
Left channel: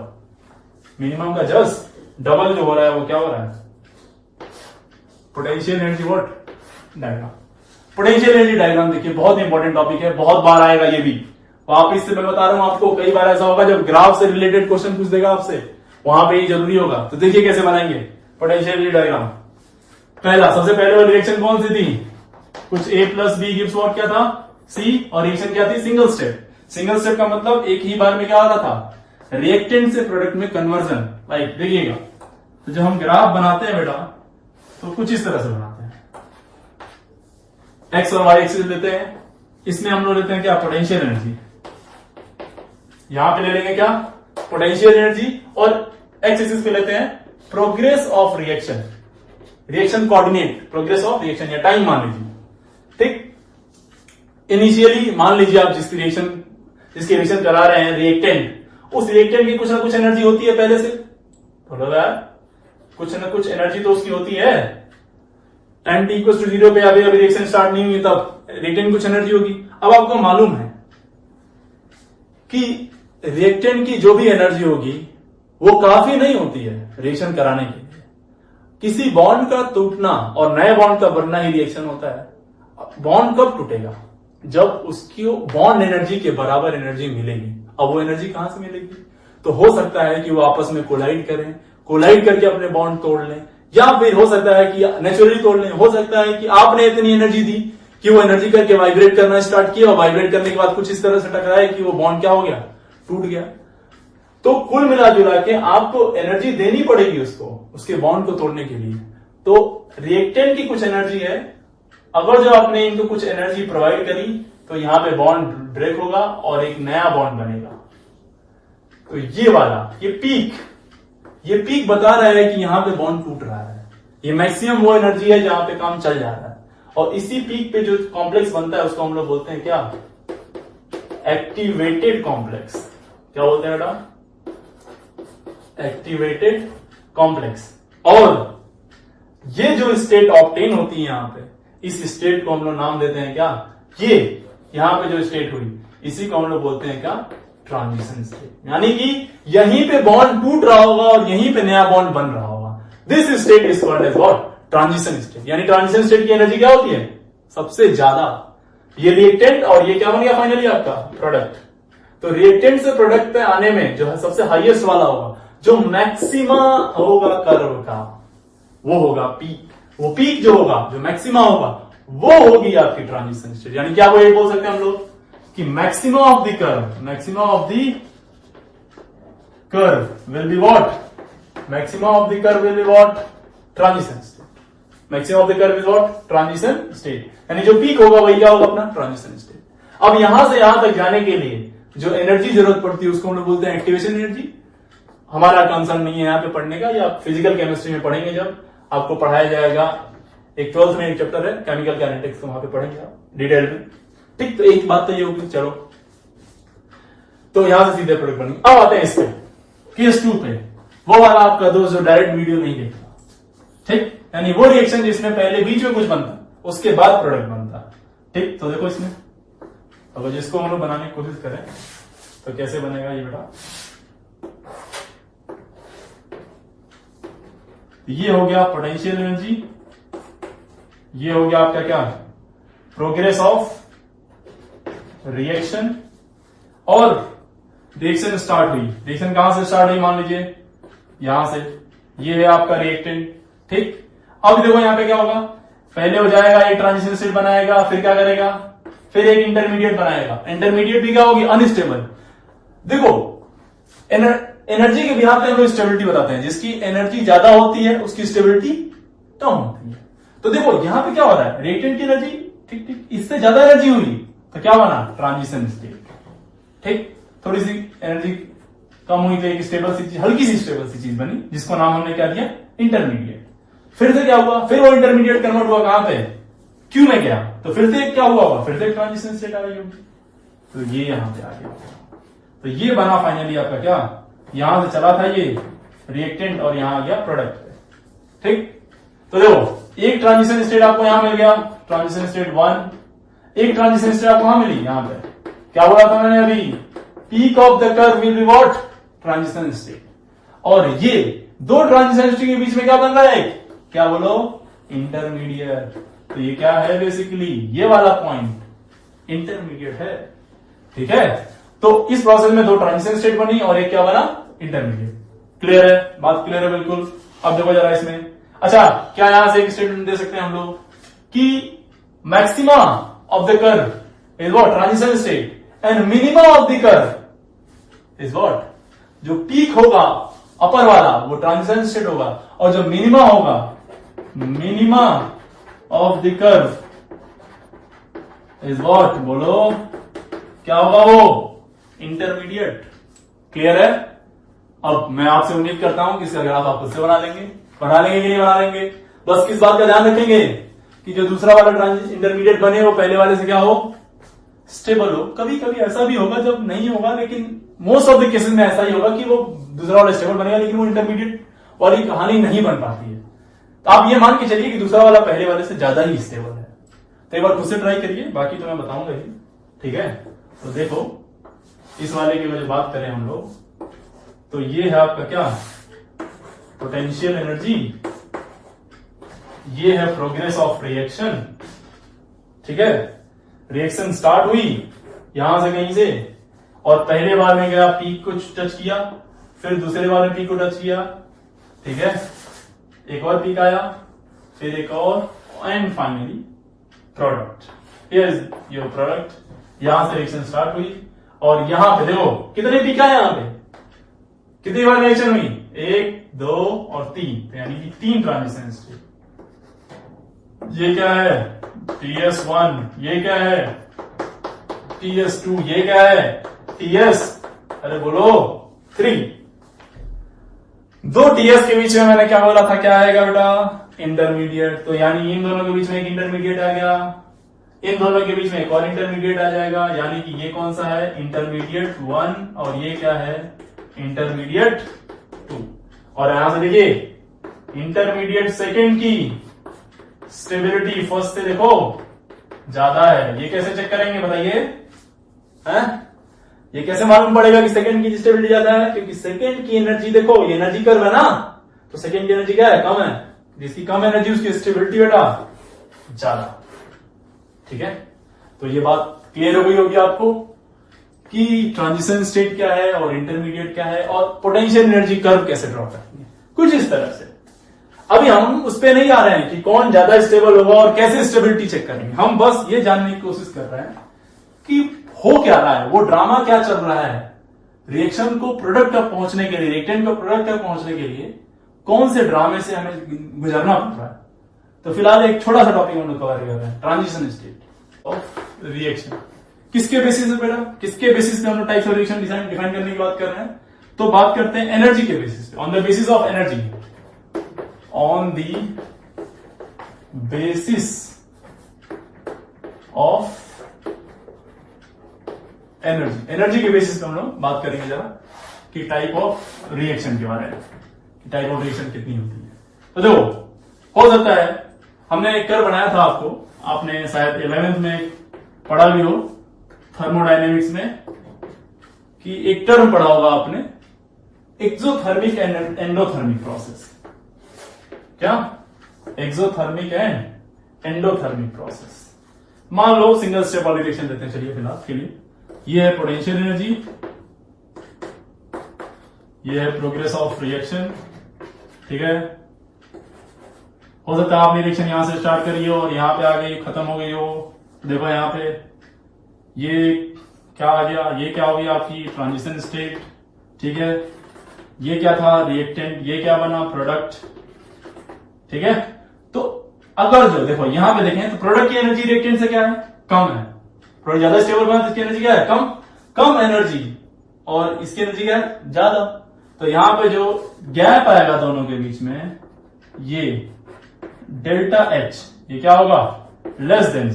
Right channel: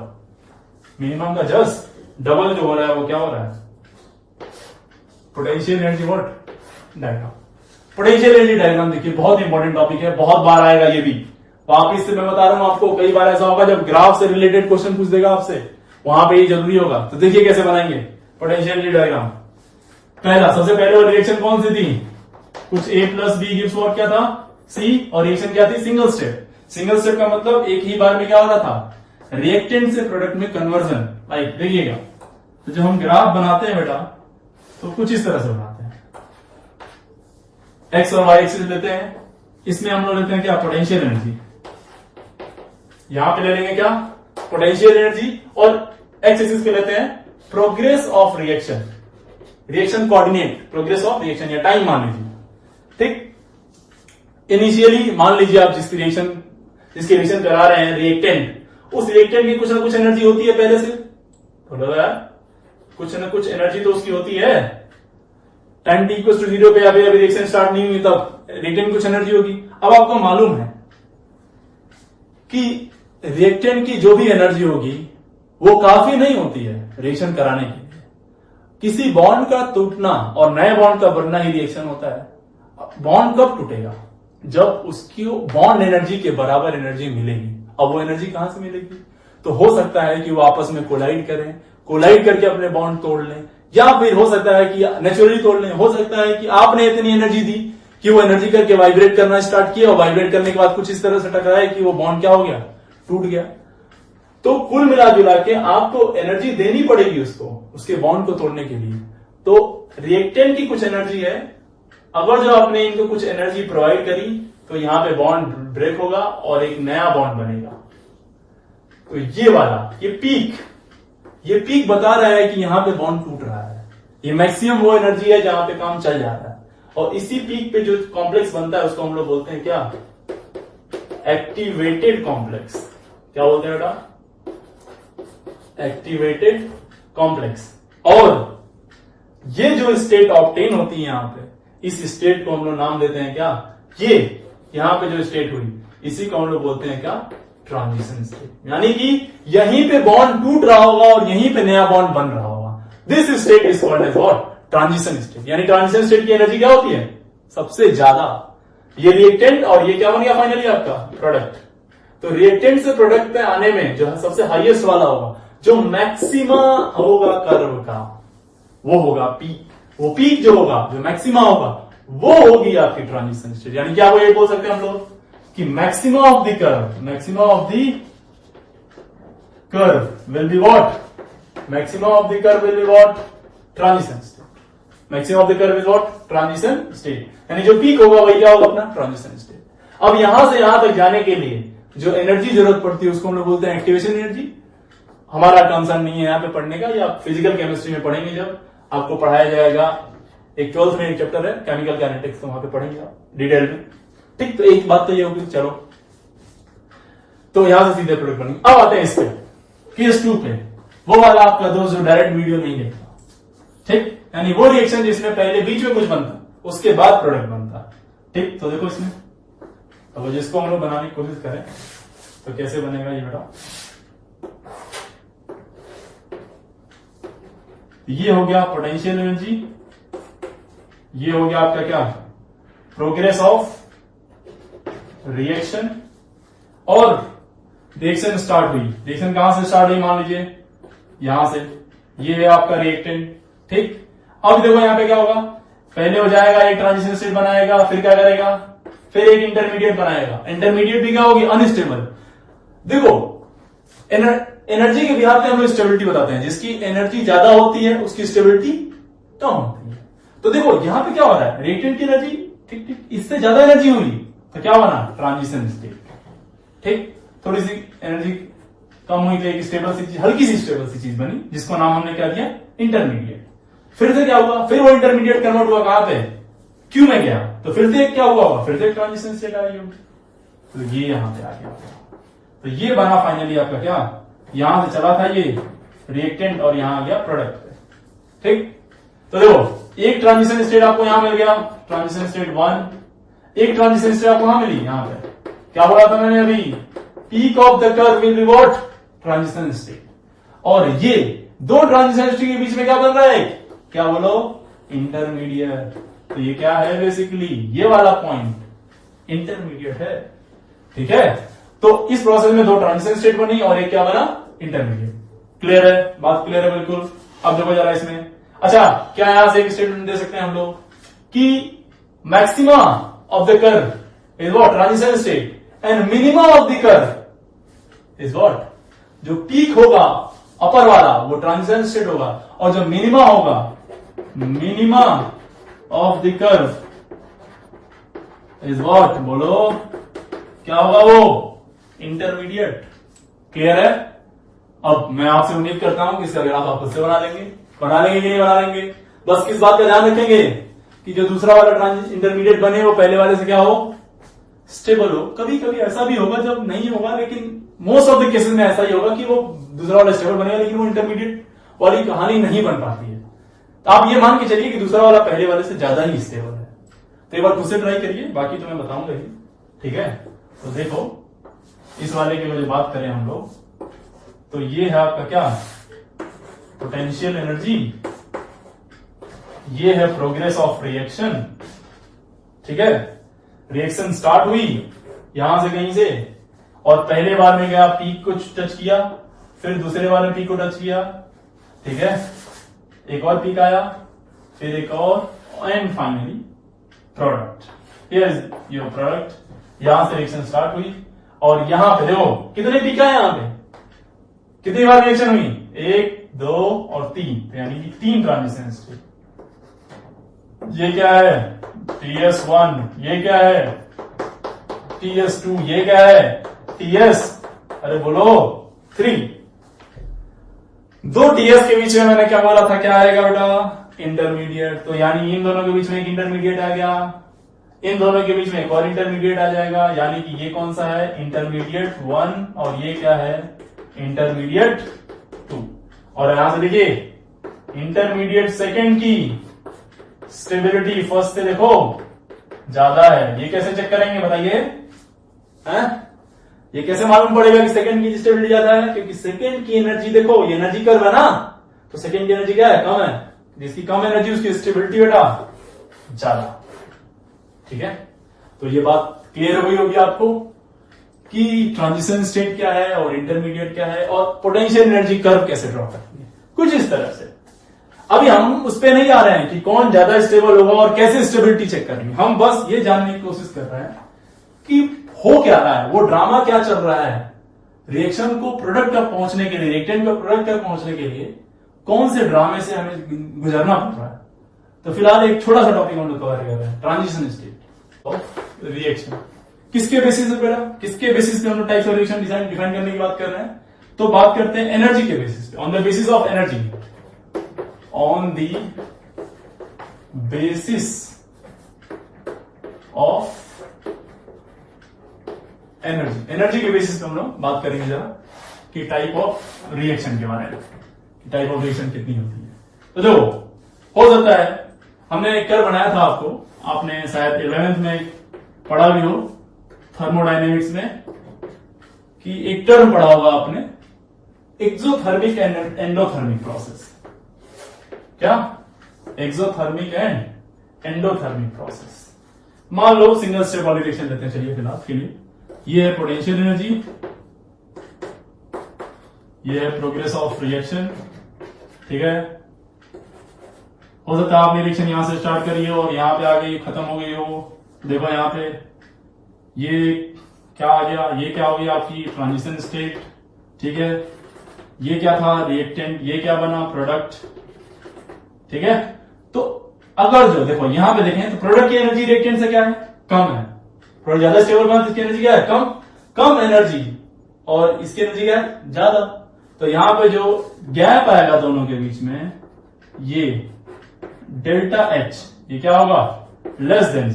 मिनिमम का जस्ट डबल जो हो रहा है वो क्या हो रहा है, potential energy what diagram. Potential energy diagram देखिए बहुत इंपॉर्टेंट टॉपिक है, बहुत बार आएगा ये भी। वापिस से मैं बता रहा हूं आपको, कई बार ऐसा होगा जब ग्राफ से रिलेटेड क्वेश्चन पूछ देगा आपसे, वहां पे ये जरूरी होगा। तो देखिए कैसे बनाएंगे पोटेंशियल एनर्जी डायग्राम। पहला, सबसे पहले वाली रिएक्शन कौन सी थी, कुछ A plus B gives what क्या था, C, और रिएक्शन क्या थी, सिंगल स्टेप। सिंगल स्टेप का मतलब एक ही बार में क्या होता था, रिएक्टेंट से प्रोडक्ट में कन्वर्जन। लाइक देखिएगा, तो जब हम ग्राफ बनाते हैं बेटा तो कुछ इस तरह से बनाते हैं, एक्स और वाई एक्सिस लेते हैं, इसमें हम लोग लेते हैं क्या, पोटेंशियल एनर्जी। यहां पे ले लेंगे क्या, पोटेंशियल एनर्जी, और एक्स एक्सिस पे लेते हैं progress of reaction, reaction coordinate, progress of reaction या टाइम मान लीजिए। ठीक, इनिशियली मान लीजिए आप जिसकी रिएक्शन करा रहे हैं रिएक्टेंट, उस रिएक्टेंट की कुछ ना कुछ एनर्जी होती है पहले से, बोलो यार, कुछ ना कुछ एनर्जी तो उसकी होती है। टाइम t इक्वल टू 0 पे अभी रिएक्शन स्टार्ट नहीं हुई तब रिएक्टेंट कुछ एनर्जी होगी। अब आपको मालूम है कि रिएक्टेंट की जो भी एनर्जी होगी वो काफी नहीं होती है रिएक्शन कराने के लिए। किसी बॉन्ड का टूटना और नए बॉन्ड का बनना ही रिएक्शन होता है। बॉन्ड कब टूटेगा, जब उसकी बॉन्ड एनर्जी के बराबर एनर्जी मिलेगी। अब वो एनर्जी कहां से मिलेगी, तो हो सकता है कि वो आपस में कोलाइड करें, कोलाइड करके अपने बॉन्ड तोड़ लें, या फिर हो सकता है कि नेचुरली तोड़ लें। हो सकता है कि आपने इतनी एनर्जी दी कि वो एनर्जी करके वाइब्रेट करना स्टार्ट किया, और वाइब्रेट करने के बाद कुछ इस तरह से टकराया कि वो बॉन्ड क्या हो गया, टूट गया। तो कुल मिला जुला के आपको एनर्जी देनी पड़ेगी उसको, उसके बॉन्ड को तोड़ने के लिए। तो रिएक्टेंट की कुछ एनर्जी है, अगर जो आपने इनको कुछ एनर्जी प्रोवाइड करी तो यहां पे बॉन्ड ब्रेक होगा और एक नया बॉन्ड बनेगा। तो ये वाला, ये पीक बता रहा है कि यहां पे बॉन्ड टूट रहा है। ये मैक्सिमम वो एनर्जी है जहां पे काम चल जा रहा है, और इसी पीक पे जो कॉम्प्लेक्स बनता है उसको हम लोग बोलते हैं क्या, एक्टिवेटेड कॉम्प्लेक्स। क्या बोलते हैं बेटा, एक्टिवेटेड कॉम्प्लेक्स। और ये जो स्टेट ऑब्टेन होती है यहां पे, इस स्टेट को हम लोग नाम देते हैं क्या, ये यहां पे जो स्टेट हुई इसी को हम लोग बोलते हैं क्या, ट्रांजिशन स्टेट। यानी कि यहीं पे बॉन्ड टूट रहा होगा और यहीं पे नया बॉन्ड बन रहा होगा। This state is called as what, transition state. यानी ट्रांजिशन स्टेट की एनर्जी क्या होती है, सबसे ज्यादा। ये रिएक्टेंट और ये क्या बन गया फाइनली आपका प्रोडक्ट। तो रिएक्टेंट से प्रोडक्ट पे आने में जो है सबसे हाईएस्ट वाला होगा, जो मैक्सिमा होगा कर्व का, वो होगा पीक। वो पीक जो होगा, जो मैक्सिमा होगा, वो होगी आपकी ट्रांजिशन स्टेट। यानी क्या वो ये बोल सकते हैं हम लोग कि maxima of the curve, maxima of the curve will be what, maxima of the curve will be what, transition state. Maxima of the curve is what, transition state. यानी जो पीक होगा वही क्या होगा, अपना ट्रांजिशन स्टेट। अब यहां से यहां तक जाने के लिए जो एनर्जी जरूरत पड़ती है उसको हम लोग बोलते हैं एक्टिवेशन एनर्जी। हमारा कंसर्न नहीं है यहां पे पढ़ने का, या फिजिकल केमिस्ट्री में पढ़ेंगे जब आपको पढ़ाया जाएगा। एक 12th में एक चैप्टर है केमिकल काइनेटिक्स, तो वहां पे पढ़ेंगे आप डिटेल में। ठीक, तो एक बात तो ये होगी, चलो तो यहां से सीधे प्रोडक्ट बनेंगे। अब आते हैं इस पे, केस 2 पे, वो वाला आपका दोस्त जो डायरेक्ट वीडियो नहीं देखता। ठीक, यानी वो रिएक्शन जिसमें पहले बीच में कुछ बनता उसके बाद प्रोडक्ट बनता। ठीक, तो देखो इसमें अगर जिसको हम लोग बनाने की कोशिश करें तो कैसे बनेगा ये बेटा। ये हो गया पोटेंशियल एनर्जी, ये हो गया आपका क्या, प्रोग्रेस ऑफ रिएक्शन। और रिएक्शन स्टार्ट हुई, रिएक्शन कहां से स्टार्ट हुई, मान लीजिए यहां से, ये है आपका रिएक्टेंट, ठीक। अब देखो यहां पे क्या होगा, पहले हो जाएगा एक ट्रांजिशन स्टेट बनाएगा, फिर क्या करेगा, फिर एक इंटरमीडिएट बनाएगा। इंटरमीडिएट भी क्या होगी, अनस्टेबल। देखो एनर्जी के बिहार पे हम लोग स्टेबिलिटी बताते हैं, जिसकी एनर्जी ज्यादा होती है उसकी स्टेबिलिटी कम होती है। तो देखो यहां पे क्या हो रहा है, रिएक्टेंट की एनर्जी ठीक ठीक इससे ज्यादा एनर्जी हुई तो क्या बना, ट्रांजिशन स्टेट, ठीक। थोड़ी सी एनर्जी कम हुई तो एक स्टेबल सी चीज, हल्की सी स्टेबल सी चीज बनी, जिसको नाम हमने क्या दिया, इंटरमीडिएट। फिर से क्या हुआ, फिर वो इंटरमीडिएट कन्वर्ट हुआ कहां पे, क्यू में गया, तो फिर से क्या हुआ, फिर से ट्रांजिशन स्टेट आ गई होगी, तो ये यहां पे आ गया। तो ये बना फाइनली आपका क्या, यहां से चला था ये रिएक्टेंट और यहां आ गया प्रोडक्ट पे, ठीक। तो देखो एक ट्रांजिशन स्टेट आपको यहां मिल गया, ट्रांजिशन स्टेट 1, एक ट्रांजिशन स्टेट आपको वहां मिली, यहां पे क्या बोला था मैंने अभी, peak of the curve will be what, transition state. और ये दो ट्रांजिशन स्टेट के बीच में क्या बन रहा है, क्या बोलो, इंटरमीडिएट। तो ये क्या है, बेसिकली ये वाला पॉइंट इंटरमीडिएट है, ठीक है। तो इस प्रोसेस में दो ट्रांजिशन स्टेट बनी और एक क्या बना, इंटरमीडिएट। क्लियर है, बात क्लियर है बिल्कुल। अब देखो जरा इसमें, अच्छा क्या यहां से एक स्टेटमेंट दे सकते हैं हम लोग कि maxima of the curve is what, transition state, and minima of the curve is what, जो पीक होगा अपर वाला वो ट्रांजिशन स्टेट होगा, और जो मिनिमा होगा, minima of the curve is what, बोलो क्या होगा वो, इंटरमीडिएट। क्लियर है। अब मैं आपसे उम्मीद करता हूं कि इसका ग्राफ आप खुद से बना लेंगे कि नहीं बना लेंगे। बस किस बात का ध्यान रखेंगे कि जो दूसरा वाला इंटरमीडिएट बने वो पहले वाले से क्या हो, स्टेबल हो। कभी कभी ऐसा भी होगा जब नहीं होगा, लेकिन मोस्ट ऑफ द केसेस में ऐसा ही होगा कि वो दूसरा वाला स्टेबल बनेगा लेकिन वो इंटरमीडिएट वाली कहानी नहीं बन पाती है। तो आप ये मान के चलिए कि दूसरा वाला पहले वाले से ज्यादा ही स्टेबल है। तो एक बार खुद से ट्राई करिए, बाकी तो मैं बताऊंगा ही, ठीक है। तो देखो इस वाले की वजह बात करें हम लोग, तो ये है आपका क्या, पोटेंशियल एनर्जी, ये है प्रोग्रेस ऑफ रिएक्शन, ठीक है। रिएक्शन स्टार्ट हुई यहां से कहीं से, और पहले बार में गया पीक को टच किया, फिर दूसरे बार में पीक को टच किया, ठीक है। एक और पीक आया, फिर एक और, and finally product, here is your product. यहां से रिएक्शन स्टार्ट हुई और यहां पे देखो कितने पीक आए, यहां पे कितनी बार रिएक्शन हुई, 1 2 और 3, यानी कि 3 ट्रांजिशन स्टेट। ये क्या है, TS1, ये क्या है, TS2, ये क्या है, TS, अरे बोलो 3। 2 TS के बीच में मैंने क्या बोला था, क्या आएगा बेटा, इंटरमीडिएट। तो यानी इन दोनों के बीच में एक इंटरमीडिएट आ गया, इन दोनों के बीच में एक और इंटरमीडिएट आ जाएगा, यानी कि ये कौन सा है, इंटरमीडिएट 1, और ये क्या है, इंटरमीडिएट 2। और यहां से देखिए इंटरमीडिएट सेकेंड की स्टेबिलिटी फर्स्ट से देखो ज्यादा है। ये कैसे चेक करेंगे बताइए, हैं? ये कैसे मालूम पड़ेगा कि सेकंड की स्टेबिलिटी ज्यादा है, क्योंकि सेकंड की एनर्जी देखो, ये एनर्जी कर्व है ना, तो सेकंड की एनर्जी क्या है, कम है, जिसकी कम एनर्जी उसकी स्टेबिलिटी बेटा ज्यादा, ठीक है। तो ये बात क्लियर हो गई होगी आपको कि ट्रांजिशन स्टेट क्या है और इंटरमीडिएट क्या है और पोटेंशियल एनर्जी कर्व कैसे ड्रॉ करती है, कुछ इस तरह से। अभी हम उस पे नहीं आ रहे हैं कि कौन ज्यादा स्टेबल होगा और कैसे स्टेबिलिटी चेक करेंगे, हम बस ये जानने की कोशिश कर रहे हैं कि हो क्या रहा है, वो ड्रामा क्या चल रहा है, रिएक्शन को प्रोडक्ट तक पहुंचने के लिए, रिएक्टेंट को प्रोडक्ट तक पहुंचने के लिए कौन से ड्रामे से हमें गुजरना पड़ रहा है। तो फिलहाल एक छोटा सा टॉपिक हम लोग कवर कर रहे हैं, ट्रांजिशन स्टेट ऑफ रिएक्शन। किसके बेसिस पे बेटा, किसके बेसिस पे हम लोग टाइप्स ऑफ रिएक्शन डिफाइन करने की बात कर रहे हैं, तो बात करते हैं एनर्जी के बेसिस पे, on the basis of energy, on the basis of energy. Energy के बेसिस पे हम लोग बात करेंगे जरा कि टाइप ऑफ रिएक्शन के बारे में, टाइप ऑफ रिएक्शन कितनी होती है। तो देखो हो सकता है हमने एक कर्व बनाया था आपको, आपने शायद 11th में पढ़ा भी हो थर्मोडायनेमिक्स में, कि एक टर्म पढ़ा होगा आपने, एक्सोथर्मिक एंड एंडोथर्मिक प्रोसेस। क्या? Exothermic and endothermic process. मान लो सिंगल स्टेप वाली रिएक्शन लेते हैं, चलिए फिलहाल के लिए। ये है पोटेंशियल एनर्जी, ये है प्रोग्रेस ऑफ रिएक्शन, ठीक है। हो सकता है आपने रिएक्शन यहां से स्टार्ट करी हो और यहां पे आ गई, खत्म हो गई हो। देखो यहां पे ये क्या आ गया, ये क्या हो गया आपकी ट्रांजिशन स्टेट, ठीक है। ये क्या था? रिएक्टेंट। ये क्या बना? प्रोडक्ट, ठीक है। तो अगर जो देखो यहां पे देखें तो प्रोडक्ट की एनर्जी रिएक्टेंट से क्या है? कम है। प्रोडक्ट ज्यादा स्टेबल बना तो इसकी एनर्जी क्या है? कम एनर्जी, और इसकी एनर्जी क्या है? ज्यादा। तो यहां पे जो गैप आएगा दोनों के बीच में, ये डेल्टा एच, ये क्या होगा? लेस देन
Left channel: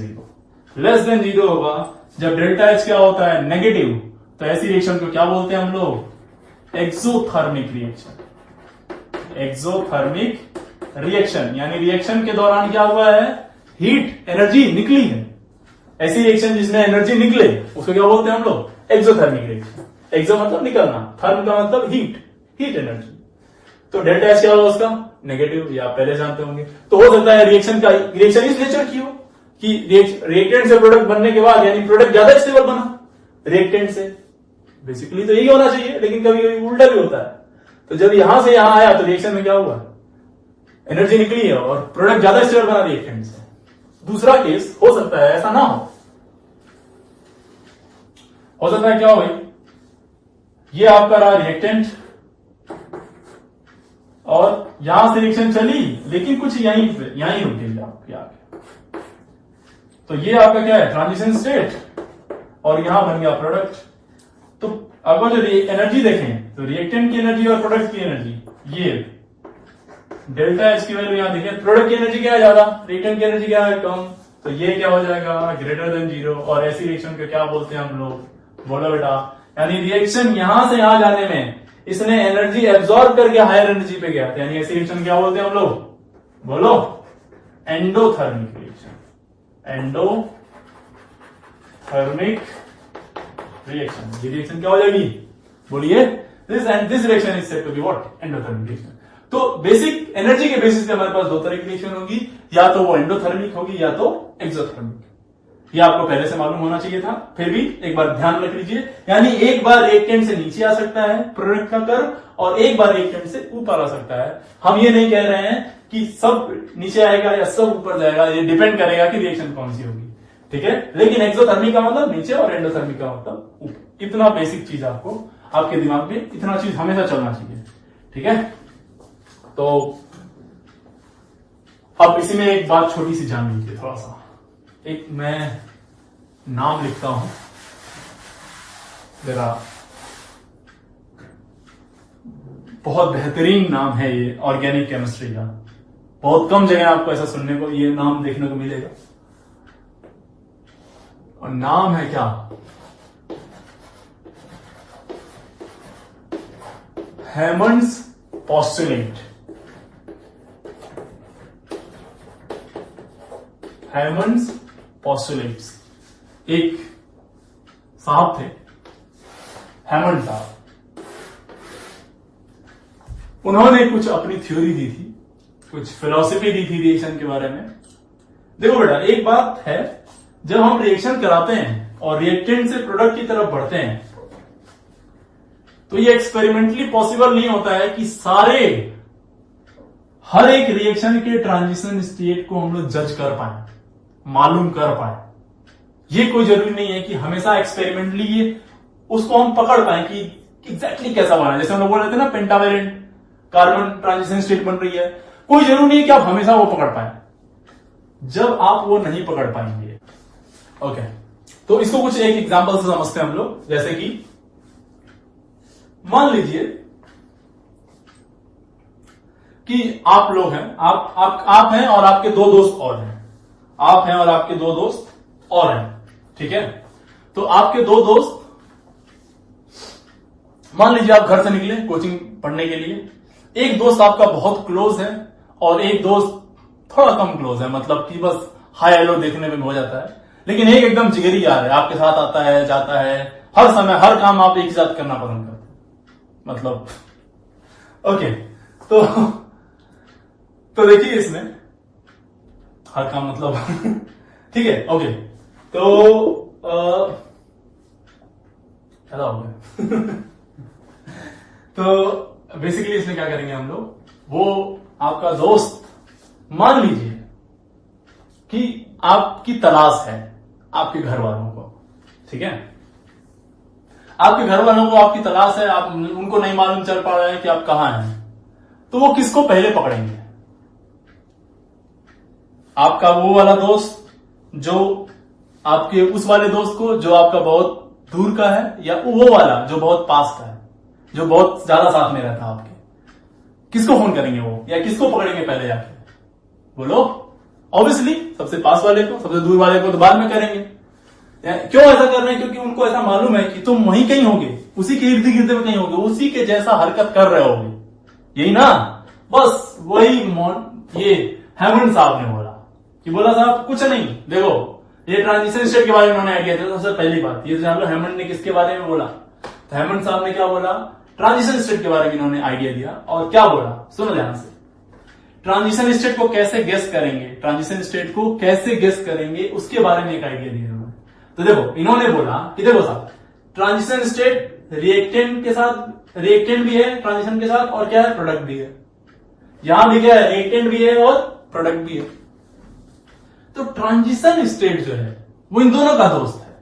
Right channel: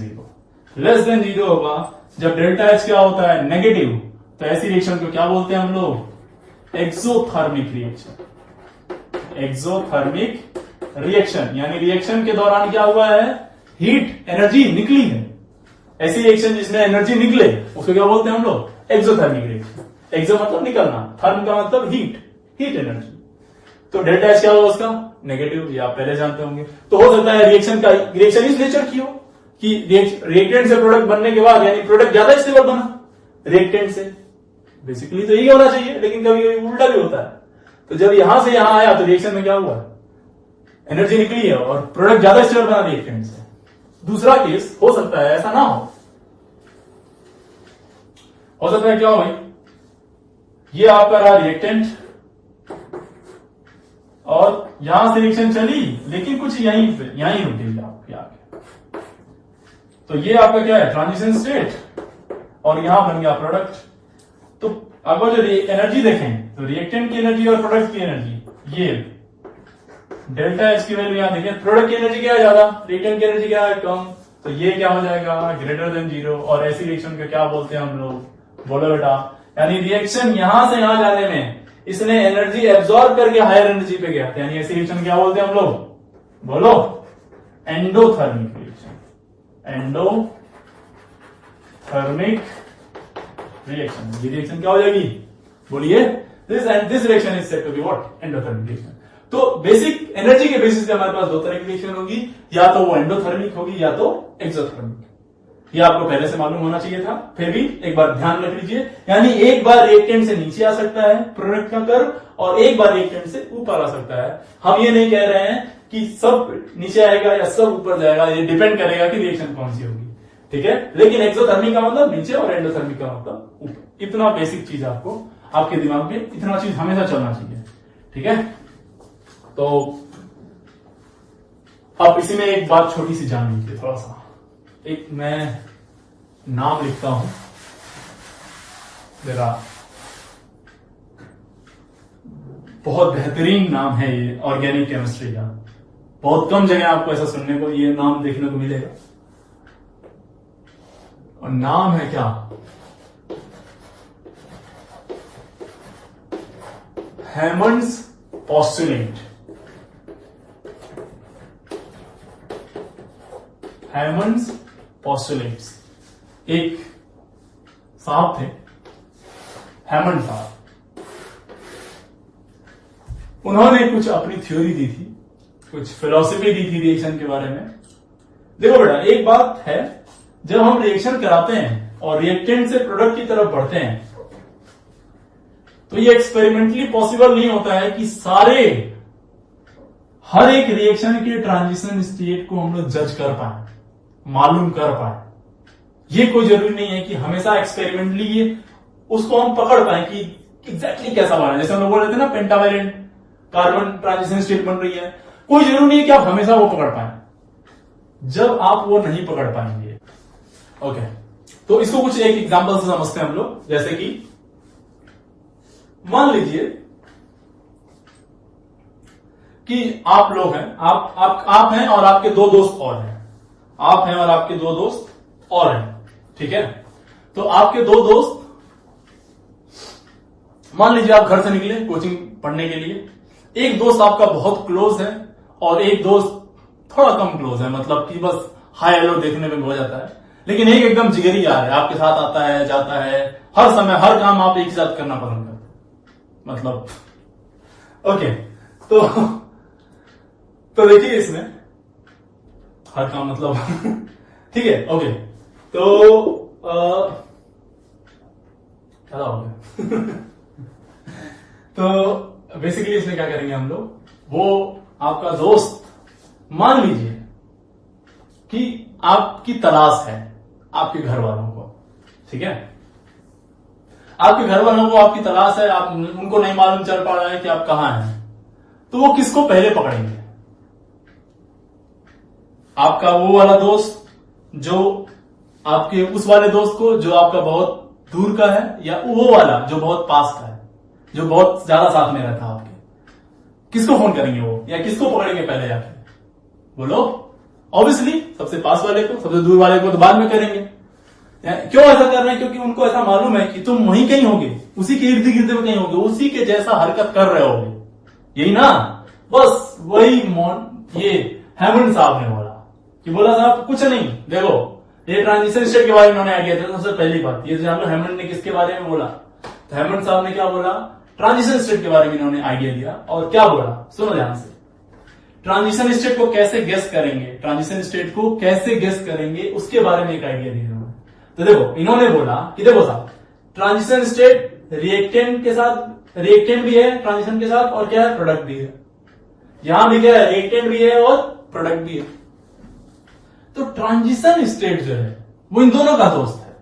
जीरो होगा। जब डेल्टा एच क्या होता है? नेगेटिव। तो ऐसी रिएक्शन को क्या बोलते हैं हम लोग? Exothermic reaction. एक्सोथर्मिक रिएक्शन यानी रिएक्शन के दौरान क्या हुआ है? हीट, एनर्जी निकली है। ऐसी रिएक्शन जिसमें एनर्जी निकले उसको क्या बोलते हैं हम लोग? Exothermic reaction. एक्सो मतलब निकलना, थर्म का मतलब हीट एनर्जी। तो डेल्टा एच क्या होगा उसका? नेगेटिव, ये आप पहले जानते होंगे। तो हो सकता है रिएक्शन इस नेचर की हो कि रिएक्टेंट से प्रोडक्ट बनने के बाद यानी प्रोडक्ट ज्यादा स्टेबल बना रिएक्टेंट से। बेसिकली तो यही होना चाहिए, लेकिन कभी कभी उल्टा भी होता है। तो जब यहां से यहां आया तो रिएक्शन में क्या हुआ? एनर्जी निकली है और प्रोडक्ट ज्यादा स्टेबल बना रिएक्टेंट से। दूसरा केस हो सकता है ऐसा ना हो सकता है क्या हो भाई, ये आपका रहा रिएक्टेंट और यहां से रिएक्शन चली लेकिन कुछ यहीं रुकेगी आपके आगे। तो ये आपका क्या है? ट्रांजिशन स्टेट, और यहां बन गया प्रोडक्ट। तो अगर जो एनर्जी देखें तो रिएक्टेंट की एनर्जी और प्रोडक्ट की एनर्जी, ये डेल्टा एच की वैल्यू यहां देखें, प्रोडक्ट की एनर्जी क्या है? ज्यादा, रिएक्टेंट की एनर्जी क्या है? कम। तो ये क्या हो जाएगा? Greater than zero. और ऐसी रिएक्शन को क्या बोलते हैं हम लोग? बोलो बेटा। यानी रिएक्शन यहां से यहां जाने में इसने एनर्जी एब्सॉर्ब करके हायर एनर्जी पे गया था, यानी ऐसी रिएक्शन क्या बोलते हैं हम लोग? बोलो। Endothermic reaction. Endothermic reaction. ये रिएक्शन क्या हो जाएगी? बोलिए। This reaction is said to be what? Endothermic reaction. तो बेसिक एनर्जी के बेसिस पे हमारे पास दो तरह की रिएक्शन होगी, या तो वो एंडोथर्मिक होगी या तो एक्सोथर्मिक। ये आपको पहले से मालूम होना चाहिए था, फिर भी एक बार ध्यान रख लीजिए। यानी एक बार रिएक्टेंट से नीचे आ सकता है प्रोडक्ट का कर्व, और एक बार रिएक्टेंट से ऊपर आ सकता है। हम ये नहीं कह रहे हैं कि सब नीचे आएगा या सब ऊपर जाएगा, ये डिपेंड करेगा कि रिएक्शन कौन सी होगी, ठीक है। लेकिन एक्सोथर्मिक का मतलब नीचे और एंडोथर्मिक का मतलब ऊपर। इतना बेसिक चीज आपको आपके दिमाग में, इतना चीज हमेशा चलना चाहिए, ठीक है। तो अब इसी में एक बात छोटी सी जान लीजिए थोड़ा सा। एक मैं नाम लिखता हूं जरा, बहुत बेहतरीन नाम है ये ऑर्गेनिक केमिस्ट्री का। बहुत कम जगह आपको ऐसा सुनने को, ये नाम देखने को मिलेगा। और नाम है क्या? हैमंड्स पोस्टुलेट। हैमंड्स पोस्टुलेट्स। एक साहब थे, हैमंड साहब। उन्होंने कुछ अपनी थ्योरी दी थी, कुछ फिलॉसफी दी थी रिएक्शन के बारे में। देखो बेटा, एक बात है, जब हम रिएक्शन कराते हैं और रिएक्टेंट से प्रोडक्ट की तरफ बढ़ते हैं तो ये एक्सपेरिमेंटली पॉसिबल नहीं होता है कि हर एक रिएक्शन के ट्रांजिशन स्टेट को हम लोग जज कर पाए, मालूम कर पाए। ये कोई जरूरी नहीं है कि हमेशा एक्सपेरिमेंटली ये उसको हम पकड़ पाए कि एग्जैक्टली कैसा बना। जैसे हम लोग बोल रहे थे ना, पेंटावेलेंट कार्बन ट्रांजिशन स्टेट बन रही है, कोई जरूरी नहीं है कि आप हमेशा वो पकड़ पाए। जब आप वो नहीं पकड़ पाएंगे, ओके, तो इसको कुछ एक एग्जांपल से समझते हैं हम लोग। जैसे कि मान लीजिए कि आप लोग हैं, आप हैं और आपके दो दोस्त और हैं। आप हैं और आपके दो दोस्त और हैं, ठीक है। तो आपके दो दोस्त, मान लीजिए आप घर से निकले कोचिंग पढ़ने के लिए। एक दोस्त आपका बहुत क्लोज है और एक दोस्त थोड़ा कम क्लोज है, मतलब कि बस हाय हेलो देखने में हो जाता है। लेकिन एक एकदम जिगरी यार है, आपके साथ आता है जाता है, हर समय हर काम आप एक ही साथ करना पसंद करते हैं, मतलब ओके। तो तो देखिए इसमें हर काम मतलब ठीक है, ओके। तो क्या हो गया तो बेसिकली इसमें क्या करेंगे हम लोग, वो आपका दोस्त मान लीजिए कि आपकी तलाश है आपके घर वालों को, ठीक है, आपके घर वालों को आपकी तलाश है, आप उनको नहीं मालूम चल पा रहा है कि आप कहां हैं, तो वो किसको पहले पकड़ेंगे? आपका वो वाला दोस्त जो आपके उस वाले दोस्त को जो आपका बहुत दूर का है, या वो वाला जो बहुत पास का है, जो बहुत ज्यादा साथ में रहता है आपके? किसको फोन करेंगे वो, या किसको पकड़ेंगे पहले जाके? बोलो। ऑब्वियसली सबसे पास वाले को, सबसे दूर वाले को तो बाद में करेंगे। क्यों ऐसा कर रहे हैं? क्योंकि उनको ऐसा मालूम है कि तुम वहीं कहीं होगे, उसी के इर्द गिर्द में कहीं होगे, उसी के जैसा हरकत कर रहे होगे, यही ना? बस वही ये हेमंत साहब ने बोला कि बोला साहब कुछ नहीं, देखो ये ट्रांजिशन स्टेट के बारे में उन्होंने आइडिया दिया। सबसे पहली बात ये जान लो हेमंत ने किसके बारे में बोला, तो हेमंत साहब ने क्या बोला? ट्रांजिशन स्टेट के बारे में इन्होंने आइडिया दिया। और क्या बोला सुनो ध्यान से, ट्रांजिशन स्टेट को कैसे गेस करेंगे, ट्रांजिशन स्टेट को कैसे गेस करेंगे उसके बारे में एक आइडिया दिया इन्होंने। तो देखो इन्होंने बोला कि देखो साहब ट्रांजिशन स्टेट रिएक्टेंट के साथ, रिएक्टेंट भी है ट्रांजिशन के साथ, और क्या है? प्रोडक्ट भी है। यहां भी क्या है? रिएक्टेंट भी है और प्रोडक्ट भी है। तो ट्रांजिशन स्टेट जो है वो इन दोनों का दोस्त है,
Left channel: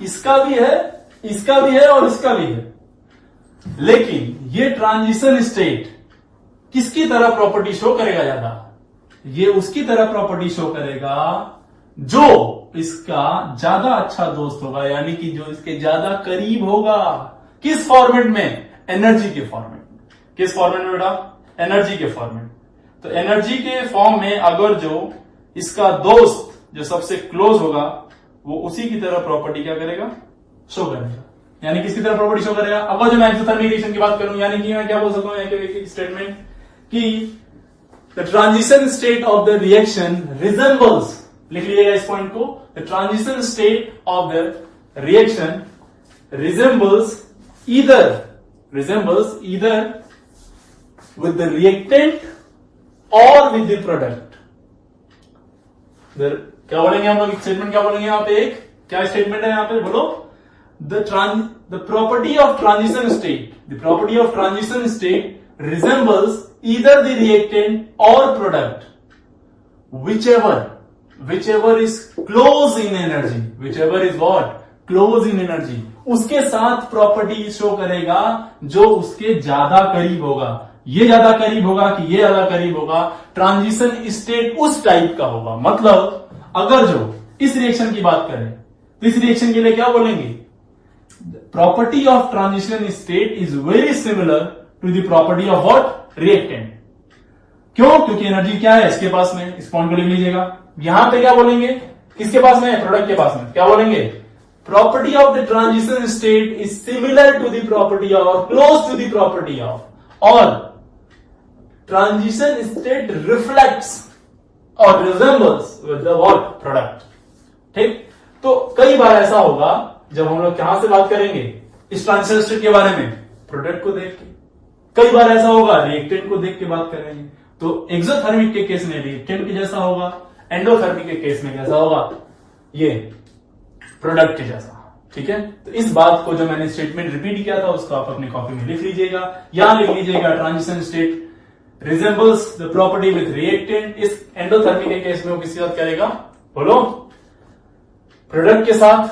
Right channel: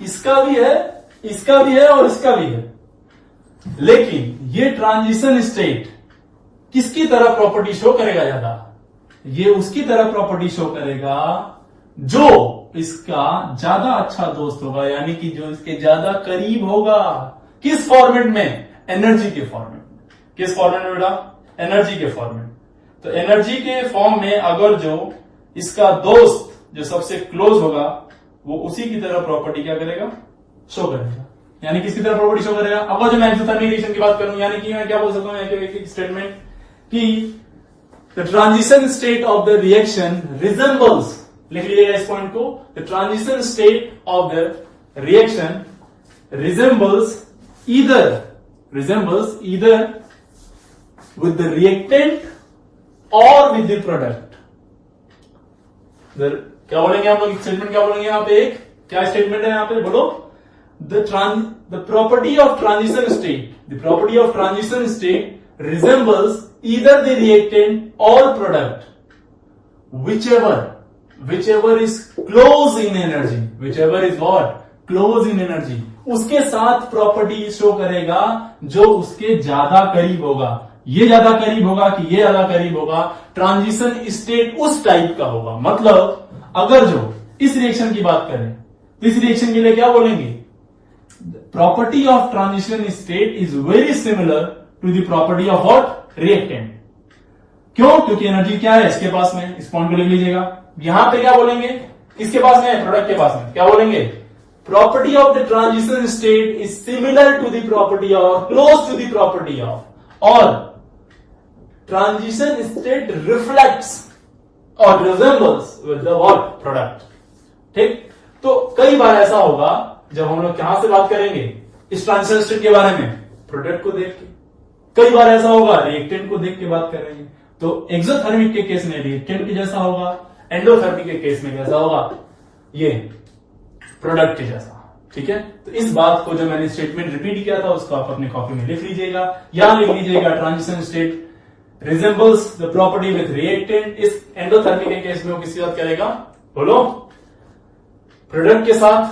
इसका भी है, इसका भी है और इसका भी है। लेकिन ये ट्रांजिशन स्टेट किसकी तरह प्रॉपर्टी शो करेगा ज्यादा? ये उसकी तरह प्रॉपर्टी शो करेगा जो इसका ज्यादा अच्छा दोस्त होगा, यानी कि जो इसके ज्यादा करीब होगा। किस फॉर्मेट में? एनर्जी के फॉर्मेट में। किस फॉर्मेट में बेटा? एनर्जी के फॉर्मेट। तो एनर्जी के फॉर्म में अगर जो इसका दोस्त जो सबसे क्लोज होगा वो उसी की तरह प्रॉपर्टी क्या करेगा? शो करेगा। यानी किसकी तरह प्रॉपर्टी शो करेगा? अब जो मैं एक्सोथर्मिक रिएक्शन की बात करूं, यानी कि मैं क्या बोल सकता हूं एक स्टेटमेंट कि the transition state of the reaction resembles, लिख लीजिएगा इस पॉइंट को, the transition state of the reaction resembles either with the reactant or with the product। क्या बोलेंगे हम लोग? स्टेटमेंट क्या बोलेंगे यहाँ पे? एक क्या स्टेटमेंट है यहाँ पे? बोलो। The property of transition state, the property of transition state resembles either the reactant or product whichever is close in energy, whichever is what? Close in energy। उसके साथ प्रॉपर्टी शो करेगा जो उसके ज्यादा करीब होगा। ये ज्यादा करीब होगा कि ये ज्यादा करीब होगा? ट्रांजिशन स्टेट उस टाइप का होगा। मतलब अगर जो इस रिएक्शन की बात करें तो इस रिएक्शन के लिए क्या बोलेंगे? Property of transition state is very similar to the property of what? Reactant. क्यों? क्योंकि एनर्जी क्या है इसके पास में, इस पॉइंट को लिख लीजिएगा। यहां पे क्या बोलेंगे? किसके पास में? प्रोडक्ट के पास में। क्या बोलेंगे? Property of the transition state is similar to the property of, close to the property of, और ट्रांजिशन स्टेट रिफ्लेक्ट्स और resembles with the what? Product. ठीक। तो कई बार ऐसा होगा जब हम लोग कहां से बात करेंगे इस ट्रांजिशन स्टेट के बारे में? प्रोडक्ट को देख के। कई बार ऐसा होगा रिएक्टेंट को देख के बात करेंगे। तो एक्सोथर्मिक के केस में रिएक्टेंट के जैसा होगा, एंडोथर्मिक के केस में कैसा होगा? ये प्रोडक्ट के जैसा। ठीक है। तो इस बात को जो मैंने स्टेटमेंट रिपीट किया था उसको आप अपनी कॉपी में लिख लीजिएगा। यहां लिख लीजिएगा transition state resembles the property with reactant. इस एंडोथर्मिक के केस में वो किसके साथ करेगा? बोलो। प्रोडक्ट के साथ।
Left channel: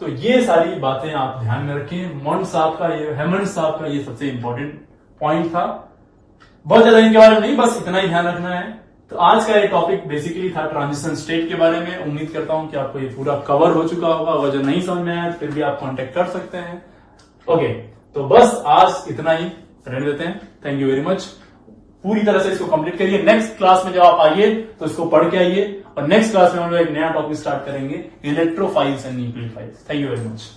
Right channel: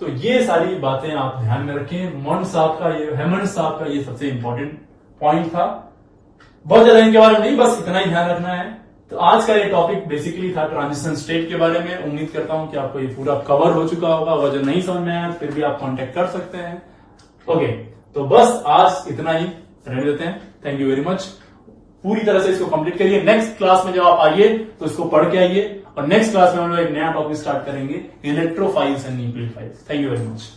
तो ये सारी बातें आप ध्यान में रखें। हेमंत साहब का ये सबसे इंपॉर्टेंट पॉइंट था। बहुत ज्यादा इनके बारे में नहीं, बस इतना ही ध्यान रखना है। तो आज का ये टॉपिक बेसिकली था ट्रांजिशन स्टेट के बारे में। उम्मीद करता हूं कि आपको ये पूरा कवर हो चुका होगा। अगर जो नहीं समझ में आया फिर भी आप कांटेक्ट कर सकते हैं। ओके, तो बस आज इतना ही रहने देते हैं। Thank you very much. पूरी तरह से इसको कंप्लीट करिए। नेक्स्ट क्लास में जब आप आइए तो इसको पढ़ के आइए, और नेक्स्ट क्लास में हम लोग एक नया टॉपिक स्टार्ट करेंगे, electrophiles and nucleophiles. Thank you very much.